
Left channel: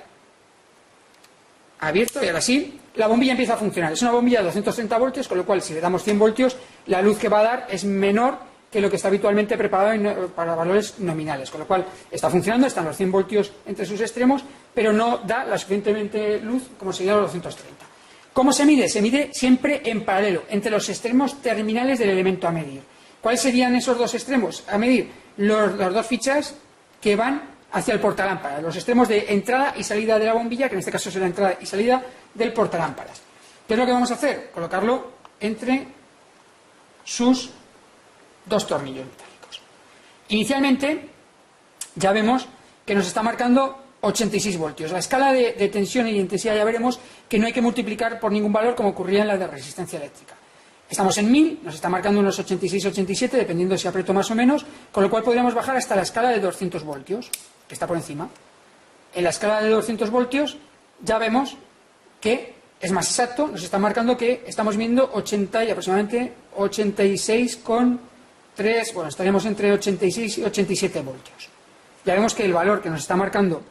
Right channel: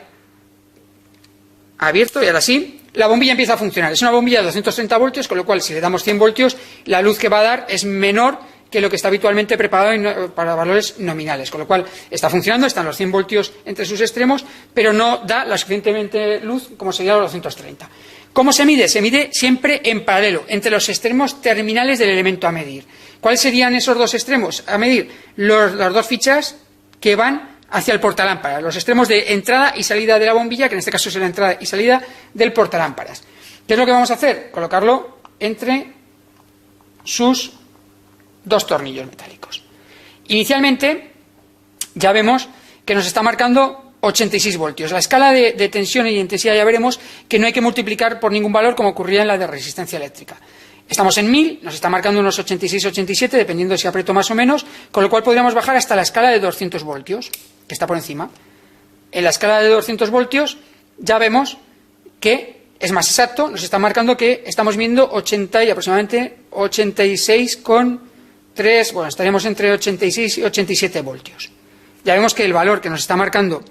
abierto y ahora sí. La bombilla empieza a funcionar. Es una bombilla de 230 voltios, con lo cual si le damos 100 voltios, la luz que va a dar es menor que lo que está habitualmente preparado para valores nominales. Con lo cual está funcionando, están los 100 voltios entre sus extremos, pero no da la suficientemente luz como sería los 230. ¿Cómo se mide? Se mide siempre en paralelo, entre los extremos terminales del elemento a medir. ¿Cuáles serían esos dos extremos a medir? Las dos fichas que van hacia el portalámparas, los extremos de entrada y salida de la bombilla, que en este caso es la entrada y salida del portalámparas. ¿Qué es lo que vamos a hacer? Colocarlo entre sus dos tornillos metálicos. Inicialmente ya vemos que nos está marcando 86 voltios. La escala de tensión y intensidad ya veremos que no hay que multiplicar por ningún valor como ocurría en la de resistencia eléctrica. Estamos en 1000, nos está marcando unos 86-87, dependiendo si aprieto más o menos, con lo cual podríamos bajar hasta la escala de 200 voltios, que está por encima. En la escala de 200 voltios ya vemos que es más exacto, nos está marcando que estamos viendo 80 y aproximadamente 86,3, bueno, estaríamos entre 86 y 87 voltios. Ya vemos que el valor que nos está marcando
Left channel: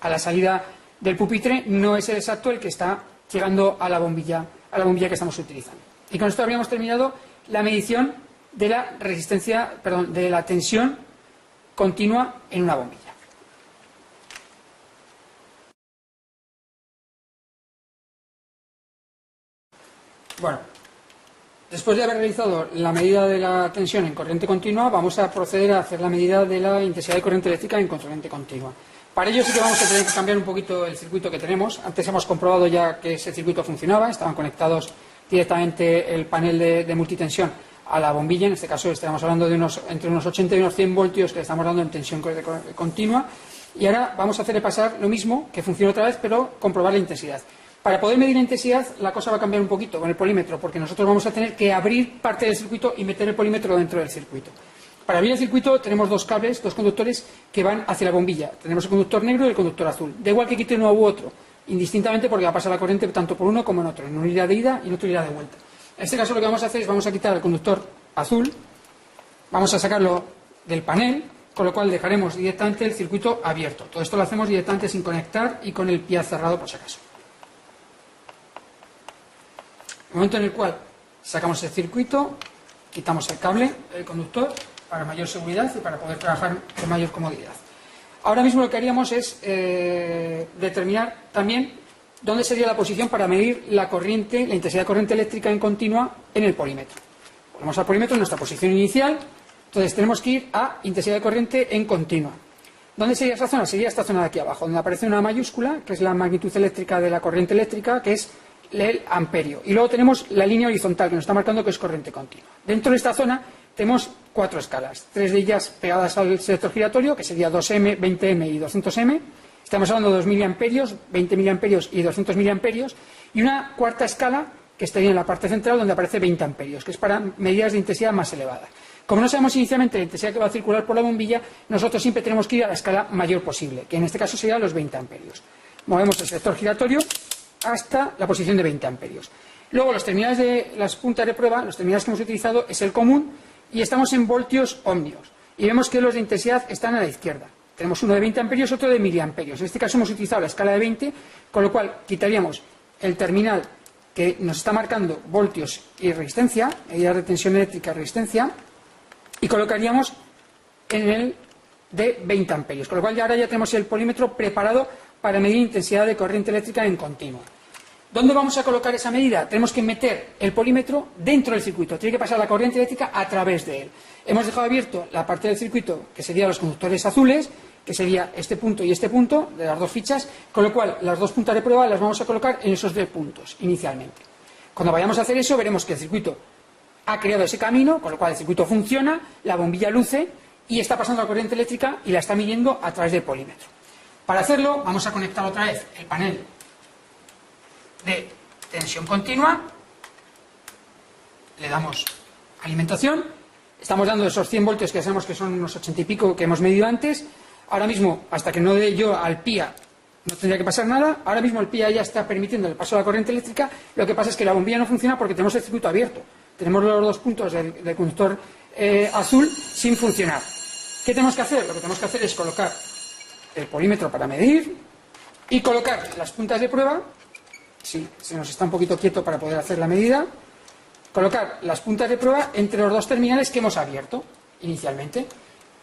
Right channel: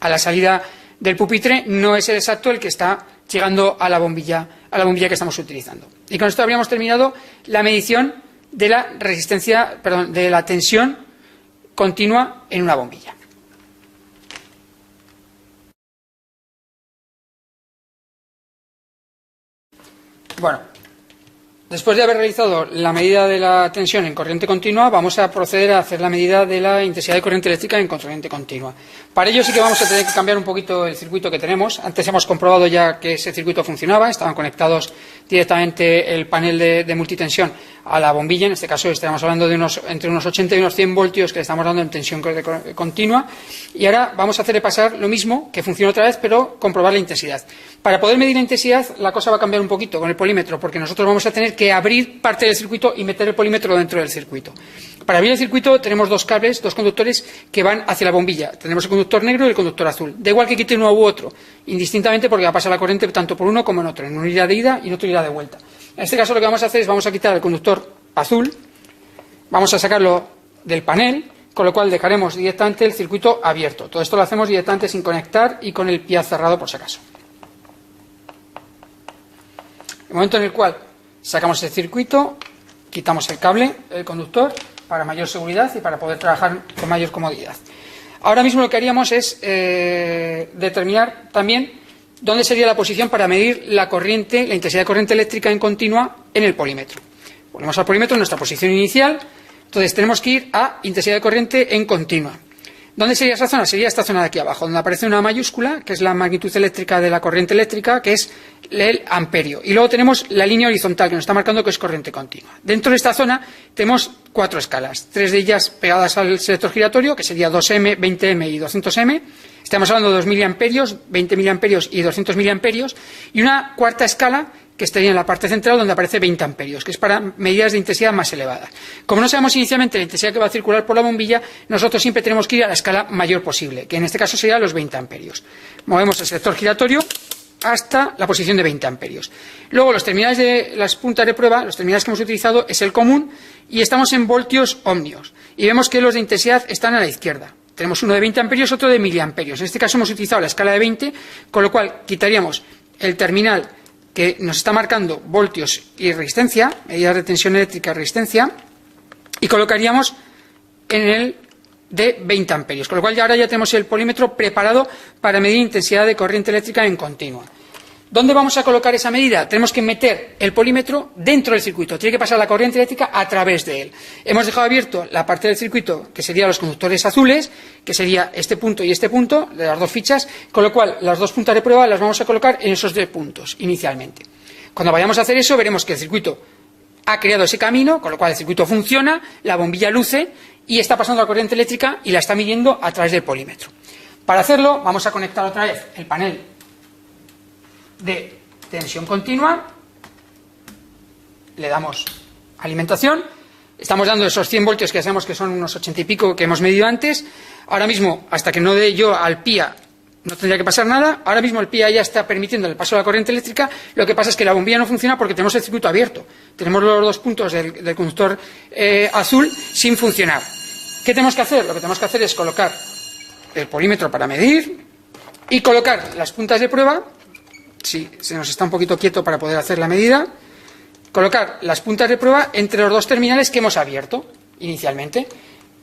a la salida del pupitre no es el exacto el que está llegando a la bombilla que estamos utilizando. Y con esto habríamos terminado la medición de la resistencia, perdón, de la tensión continua en una bombilla. Bueno, después de haber realizado la medida de la tensión en corriente continua, vamos a proceder a hacer la medida de la intensidad de corriente eléctrica en corriente continua. Para ello sí que vamos a tener que cambiar un poquito el circuito que tenemos. Antes hemos comprobado ya que ese circuito funcionaba, estaban conectados directamente el panel de multitensión a la bombilla. En este caso estaríamos hablando de entre unos 80 y unos 100 voltios que le estamos dando en tensión continua. Y ahora vamos a hacerle pasar lo mismo, que funcione otra vez, pero comprobar la intensidad. Para poder medir la intensidad, la cosa va a cambiar un poquito con el polímetro, porque nosotros vamos a tener que abrir parte del circuito y meter el polímetro dentro del circuito. Para abrir el circuito tenemos dos cables, dos conductores que van hacia la bombilla. Tenemos el conductor negro y el conductor azul. Da igual que quite uno u otro, indistintamente, porque va a pasar la corriente tanto por uno como en otro, en una unidad de ida y en otra unidad de vuelta. En este caso lo que vamos a hacer es vamos a quitar el conductor azul, vamos a sacarlo del panel, con lo cual dejaremos directamente el circuito abierto. Todo esto lo hacemos directamente sin conectar y con el pie cerrado por si acaso. El momento en el cual sacamos el circuito, quitamos el cable, el conductor, para mayor seguridad y para poder trabajar con mayor comodidad. Ahora mismo lo que haríamos es determinar también ¿dónde sería la posición para medir la corriente, la intensidad de corriente eléctrica en continua en el polímetro? Ponemos al polímetro en nuestra posición inicial, entonces tenemos que ir a intensidad de corriente en continua. ¿Dónde sería esa zona? Sería esta zona de aquí abajo, donde aparece una mayúscula, que es la magnitud eléctrica de la corriente eléctrica, que es el amperio. Y luego tenemos la línea horizontal, que nos está marcando que es corriente continua. Dentro de esta zona tenemos 4 escalas, 3 de ellas pegadas al selector giratorio, que sería 2M, 20M y 200M. Estamos hablando de 2 miliamperios, 20 miliamperios y 200 miliamperios. Y una cuarta escala, que estaría en la parte central, donde aparece 20 amperios, que es para medidas de intensidad más elevadas. Como no sabemos inicialmente la intensidad que va a circular por la bombilla, nosotros siempre tenemos que ir a la escala mayor posible, que en este caso sería los 20 amperios. Movemos el selector giratorio hasta la posición de 20 amperios. Luego los terminales de las puntas de prueba, los terminales que hemos utilizado es el común, y estamos en voltios ohmios. Y vemos que los de intensidad están a la izquierda. Tenemos uno de 20 amperios, otro de miliamperios. En este caso hemos utilizado la escala de 20, con lo cual quitaríamos el terminal que nos está marcando voltios y resistencia, medidas de tensión eléctrica y resistencia, y colocaríamos en el de 20 amperios, con lo cual ahora ya tenemos el polímetro preparado para medir intensidad de corriente eléctrica en continua. ¿Dónde vamos a colocar esa medida? Tenemos que meter el polímetro dentro del circuito, tiene que pasar la corriente eléctrica a través de él. Hemos dejado abierto la parte del circuito que serían los conductores azules, que sería este punto y este punto, de las dos fichas, con lo cual las dos puntas de prueba las vamos a colocar en esos 2 puntos inicialmente. Cuando vayamos a hacer eso, veremos que el circuito ha creado ese camino, con lo cual el circuito funciona, la bombilla luce y está pasando la corriente eléctrica y la está midiendo a través del polímetro. Para hacerlo, vamos a conectar otra vez el panel de tensión continua, le damos alimentación, estamos dando esos 100 voltios que ya sabemos que son unos 80 y pico que hemos medido antes. Ahora mismo, hasta que no dé yo al PIA, no tendría que pasar nada. Ahora mismo el PIA ya está permitiendo el paso de la corriente eléctrica. Lo que pasa es que la bombilla no funciona porque tenemos el circuito abierto, tenemos los 2 puntos del conductor azul sin funcionar. ¿Qué tenemos que hacer? Lo que tenemos que hacer es colocar el polímetro para medir y colocar las puntas de prueba. Si se nos está un poquito quieto para poder hacer la medida, colocar las puntas de prueba entre los 2 terminales que hemos abierto inicialmente,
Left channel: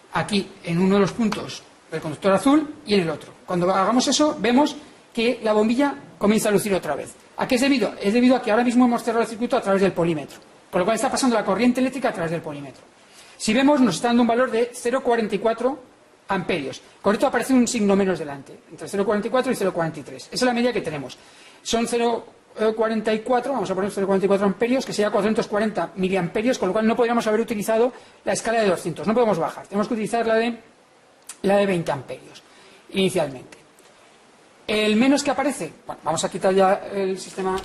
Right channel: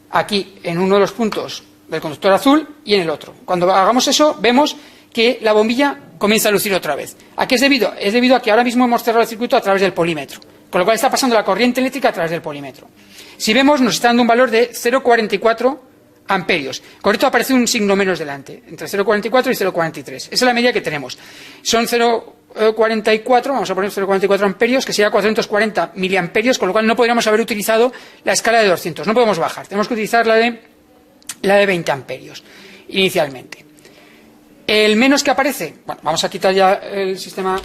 aquí en uno de los puntos del conductor azul y en el otro. Cuando hagamos eso, vemos que la bombilla comienza a lucir otra vez. ¿A qué es debido? Es debido a que ahora mismo hemos cerrado el circuito a través del polímetro, con lo cual está pasando la corriente eléctrica a través del polímetro. Si vemos, nos está dando un valor de 0,44 amperios. Con esto aparece un signo menos delante, entre 0,44 y 0,43. Esa es la medida que tenemos. Son 0,44, vamos a poner 0,44 amperios, que sería 440 miliamperios, con lo cual no podríamos haber utilizado la escala de 200. No podemos bajar, tenemos que utilizar la de 20 amperios inicialmente. El menos que aparece, bueno, vamos a quitar ya el sistema,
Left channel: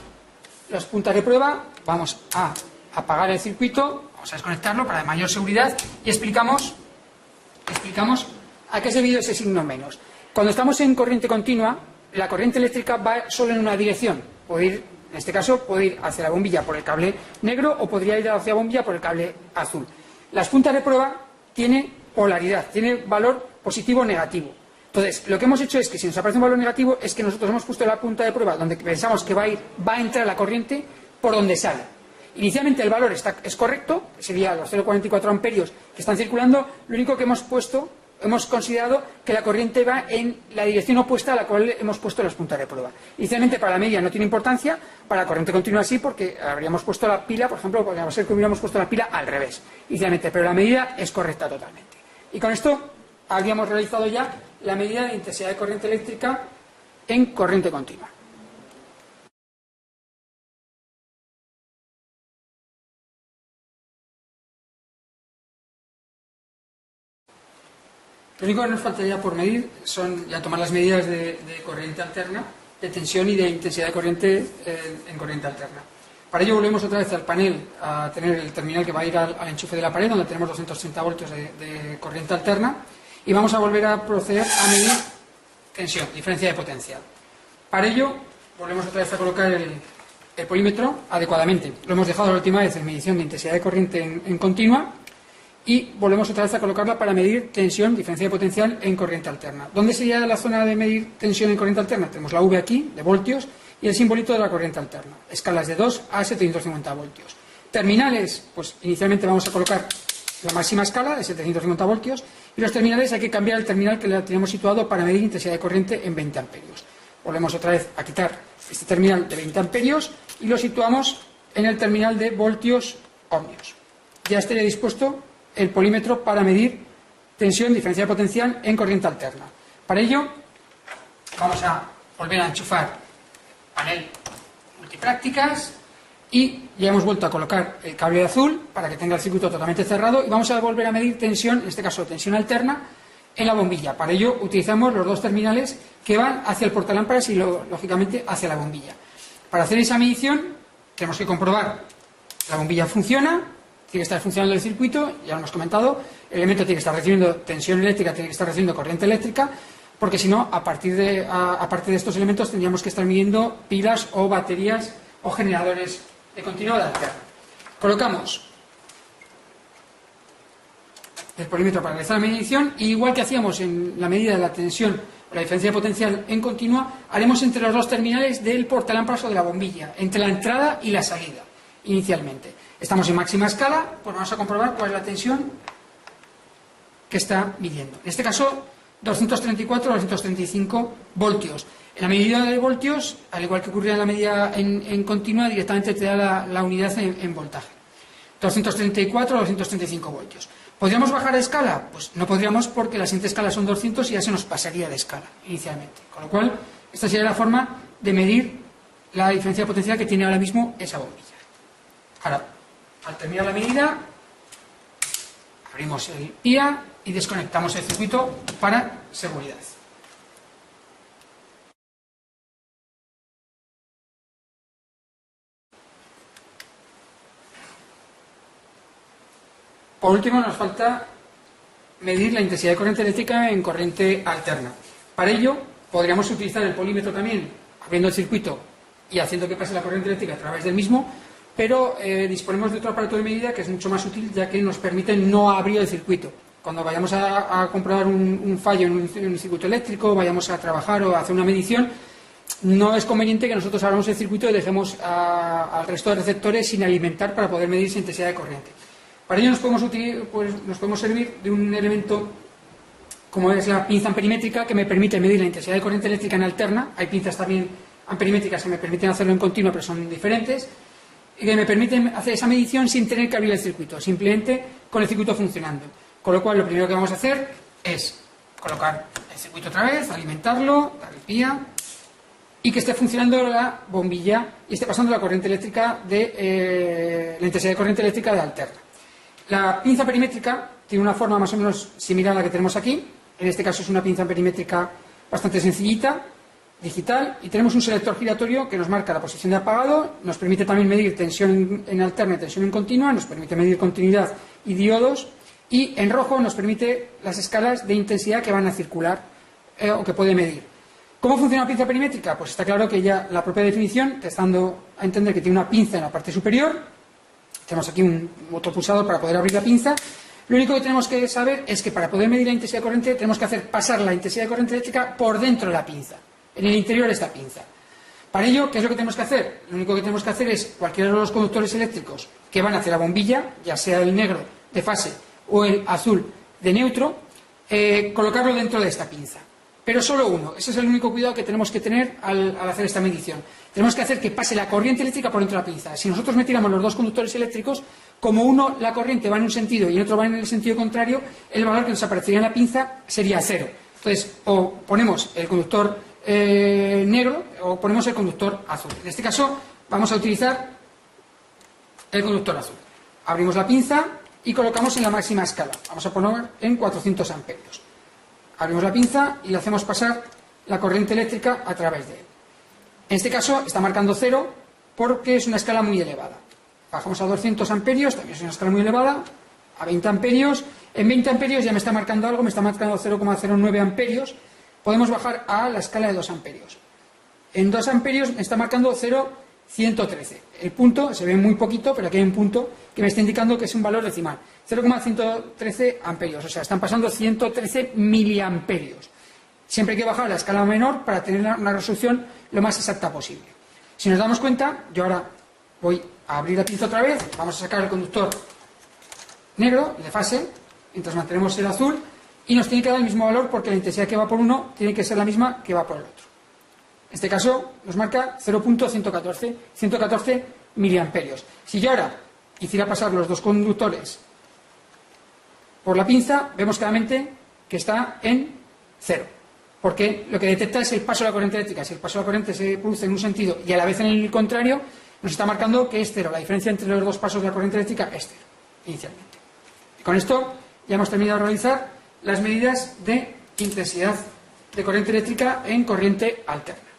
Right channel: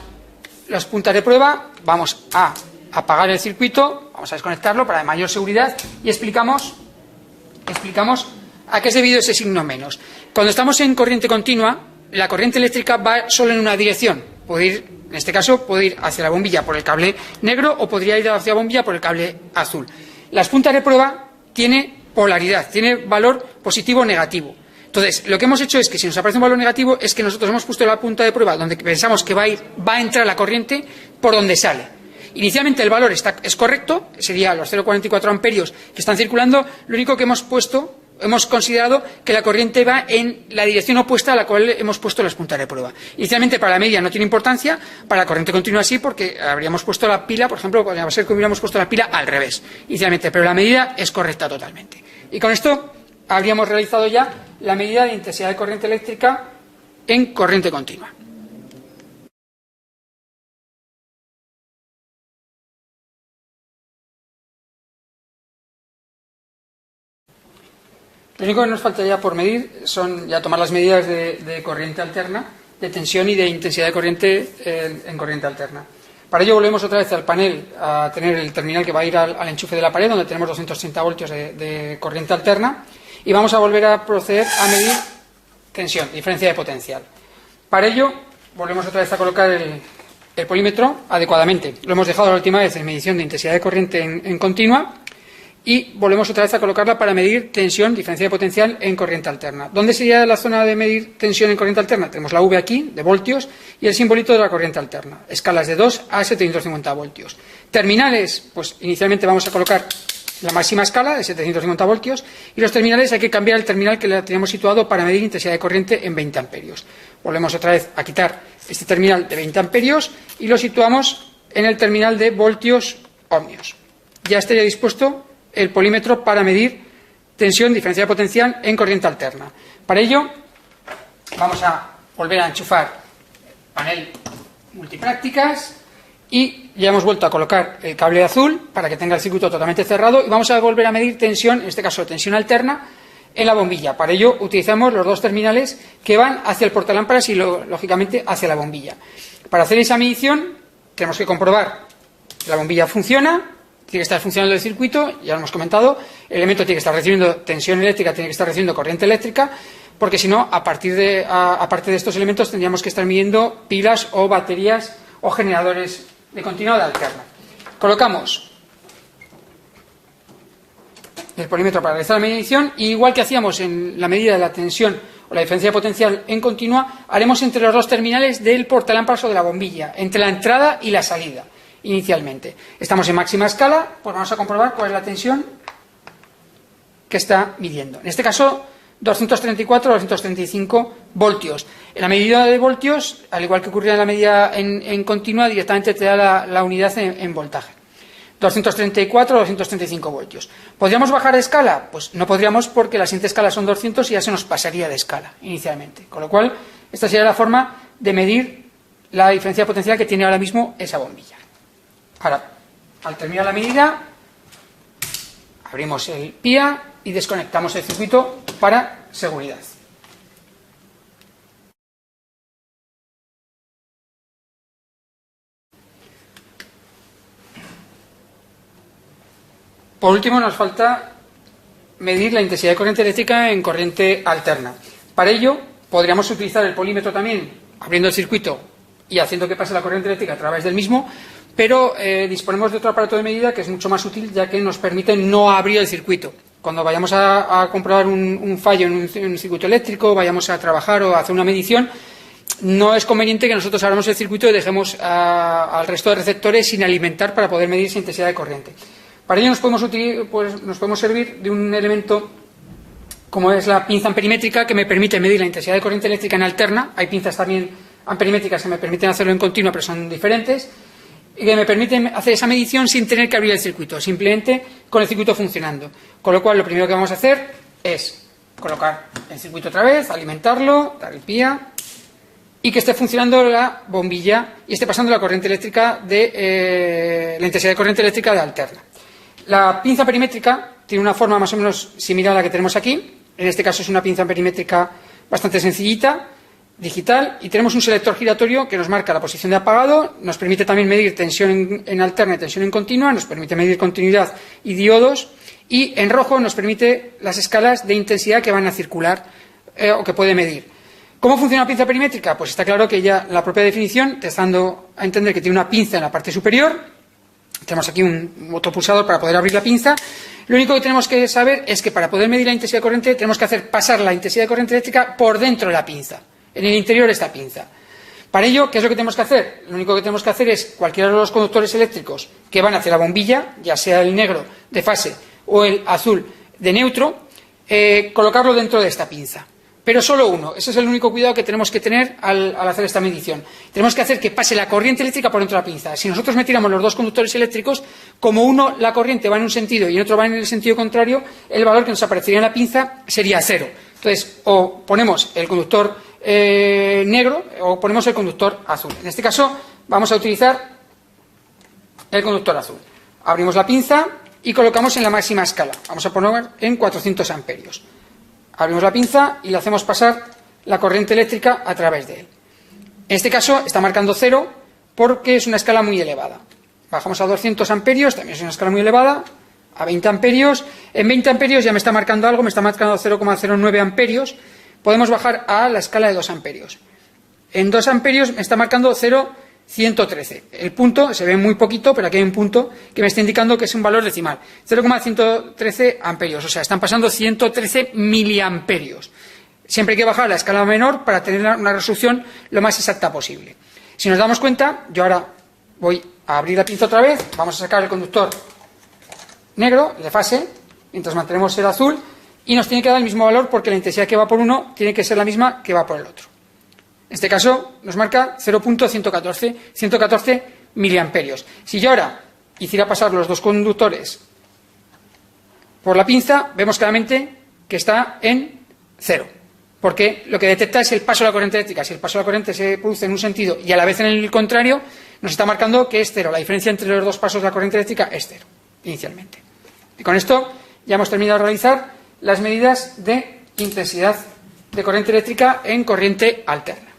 las puntas de prueba, vamos a apagar el circuito, vamos a desconectarlo para mayor seguridad y explicamos a qué es debido ese signo menos. Cuando estamos en corriente continua, la corriente eléctrica va solo en una dirección. Puede ir, en este caso, puede ir hacia la bombilla por el cable negro o podría ir hacia la bombilla por el cable azul. Las puntas de prueba tienen polaridad, tiene valor positivo o negativo. Entonces, lo que hemos hecho es que si nos aparece un valor negativo es que nosotros hemos puesto la punta de prueba donde pensamos que va a entrar la corriente por donde sale. Inicialmente el valor es correcto, sería los 0,44 amperios que están circulando. Lo único que hemos considerado que la corriente va en la dirección opuesta a la cual hemos puesto las puntas de prueba. Inicialmente para la media no tiene importancia, para la corriente continua sí, porque habríamos puesto la pila, por ejemplo, podría ser que hubiéramos puesto la pila al revés inicialmente, pero la medida es correcta totalmente. Y con esto habríamos realizado ya la medida de intensidad de corriente eléctrica en corriente continua. Lo único que nos faltaría por medir son ya tomar las medidas de corriente alterna, de tensión y de intensidad de corriente en corriente alterna. Para ello volvemos otra vez al panel a tener el terminal que va a ir al enchufe de la pared, donde tenemos 230 voltios de corriente alterna, y vamos a volver a proceder a medir tensión, diferencia de potencial. Para ello volvemos otra vez a colocar el polímetro adecuadamente. Lo hemos dejado la última vez en medición de intensidad de corriente en continua, y volvemos otra vez a colocarla para medir tensión, diferencia de potencial en corriente alterna. ¿Dónde sería la zona de medir tensión en corriente alterna? Tenemos la V aquí, de voltios, y el simbolito de la corriente alterna. Escalas de 2 a 750 voltios. Terminales, pues inicialmente vamos a colocar la máxima escala de 750 voltios, y los terminales hay que cambiar el terminal que le teníamos situado para medir intensidad de corriente en 20 amperios. Volvemos otra vez a quitar este terminal de 20 amperios y lo situamos en el terminal de voltios ohmios. Ya estaría dispuesto el polímetro para medir tensión, diferencia de potencial en corriente alterna. Para ello vamos a volver a enchufar panel multiprácticas y ya hemos vuelto a colocar el cable azul para que tenga el circuito totalmente cerrado, y vamos a volver a medir tensión, en este caso tensión alterna, en la bombilla. Para ello utilizamos los dos terminales que van hacia el portalámparas y lógicamente hacia la bombilla. Para hacer esa medición tenemos que comprobar que la bombilla funciona, tiene que estar funcionando el circuito, ya lo hemos comentado, el elemento tiene que estar recibiendo tensión eléctrica, tiene que estar recibiendo corriente eléctrica, porque si no, aparte de estos elementos tendríamos que estar midiendo pilas o baterías o generadores de continua o de alterna. Colocamos el polímetro para realizar la medición, y igual que hacíamos en la medida de la tensión o la diferencia de potencial en continua, haremos entre los dos terminales del portalámparas o de la bombilla, entre la entrada y la salida, inicialmente. Estamos en máxima escala, pues vamos a comprobar cuál es la tensión que está midiendo. En este caso, 234 o 235 voltios. En la medida de voltios, al igual que ocurría en la medida en continua, directamente te da la unidad en voltaje. 234 o 235 voltios. ¿Podríamos bajar de escala? Pues no podríamos, porque la siguiente escala son 200 y ya se nos pasaría de escala inicialmente. Con lo cual, esta sería la forma de medir la diferencia de potencial que tiene ahora mismo esa bombilla. Ahora, al terminar la medida, abrimos el PIA y desconectamos el circuito para seguridad. Por último, nos falta medir la intensidad de corriente eléctrica en corriente alterna. Para ello, podríamos utilizar el polímetro también, abriendo el circuito y haciendo que pase la corriente eléctrica a través del mismo, pero disponemos de otro aparato de medida que es mucho más útil, ya que nos permite no abrir el circuito. Cuando vayamos a comprobar un fallo en un circuito eléctrico, vayamos a trabajar o a hacer una medición, no es conveniente que nosotros abramos el circuito y dejemos al resto de receptores sin alimentar para poder medir esa intensidad de corriente. Para ello nos podemos servir de un elemento como es la pinza amperimétrica, que me permite medir la intensidad de corriente eléctrica en alterna. Hay pinzas también amperimétricas que me permiten hacerlo en continua, pero son diferentes, y que me permiten hacer esa medición sin tener que abrir el circuito, simplemente con el circuito funcionando. Con lo cual, lo primero que vamos a hacer es colocar el circuito otra vez, alimentarlo, dar el PIA, y que esté funcionando la bombilla y esté pasando la corriente eléctrica la intensidad de corriente eléctrica de alterna. La pinza perimétrica tiene una forma más o menos similar a la que tenemos aquí. En este caso es una pinza perimétrica bastante sencillita, digital, y tenemos un selector giratorio que nos marca la posición de apagado, nos permite también medir tensión en alterna y tensión en continua, nos permite medir continuidad y diodos, y en rojo nos permite las escalas de intensidad que van a circular o que puede medir. ¿Cómo funciona la pinza perimétrica? Pues está claro que ya la propia definición te está dando a entender que tiene una pinza en la parte superior. Tenemos aquí un motopulsador para poder abrir la pinza. Lo único que tenemos que saber es que para poder medir la intensidad de corriente tenemos que hacer pasar la intensidad de corriente eléctrica por dentro de la pinza, en el interior de esta pinza. Para ello, ¿qué es lo que tenemos que hacer? Lo único que tenemos que hacer es cualquiera de los conductores eléctricos que van hacia la bombilla, ya sea el negro de fase o el azul de neutro, colocarlo dentro de esta pinza. Pero solo uno. Ese es el único cuidado que tenemos que tener al hacer esta medición. Tenemos que hacer que pase la corriente eléctrica por dentro de la pinza. Si nosotros metiéramos los dos conductores eléctricos, como uno la corriente va en un sentido y el otro va en el sentido contrario, el valor que nos aparecería en la pinza sería 0. Entonces, o ponemos el conductor negro o ponemos el conductor azul. En este caso, vamos a utilizar el conductor azul. Abrimos la pinza y colocamos en la máxima escala. Vamos a poner en 400 amperios. Abrimos la pinza y le hacemos pasar la corriente eléctrica a través de él. En este caso está marcando 0 porque es una escala muy elevada. Bajamos a 200 amperios, también es una escala muy elevada, a 20 amperios. En 20 amperios ya me está marcando algo, me está marcando 0,09 amperios. Podemos bajar a la escala de 2 amperios. En 2 amperios me está marcando 0,113. El punto se ve muy poquito, pero aquí hay un punto que me está indicando que es un valor decimal. 0,113 amperios, o sea, están pasando 113 miliamperios. Siempre hay que bajar a la escala menor para tener una resolución lo más exacta posible. Si nos damos cuenta, yo ahora voy a abrir la pinza otra vez, vamos a sacar el conductor negro, de fase, mientras mantenemos el azul, y nos tiene que dar el mismo valor porque la intensidad que va por uno tiene que ser la misma que va por el otro. En este caso nos marca 0.114 miliamperios. Si yo ahora hiciera pasar los dos conductores por la pinza, vemos claramente que está en 0, porque lo que detecta es el paso de la corriente eléctrica. Si el paso de la corriente se produce en un sentido y a la vez en el contrario, nos está marcando que es 0. La diferencia entre los dos pasos de la corriente eléctrica es 0, inicialmente. Y con esto ya hemos terminado de realizar las medidas de intensidad de corriente eléctrica en corriente alterna.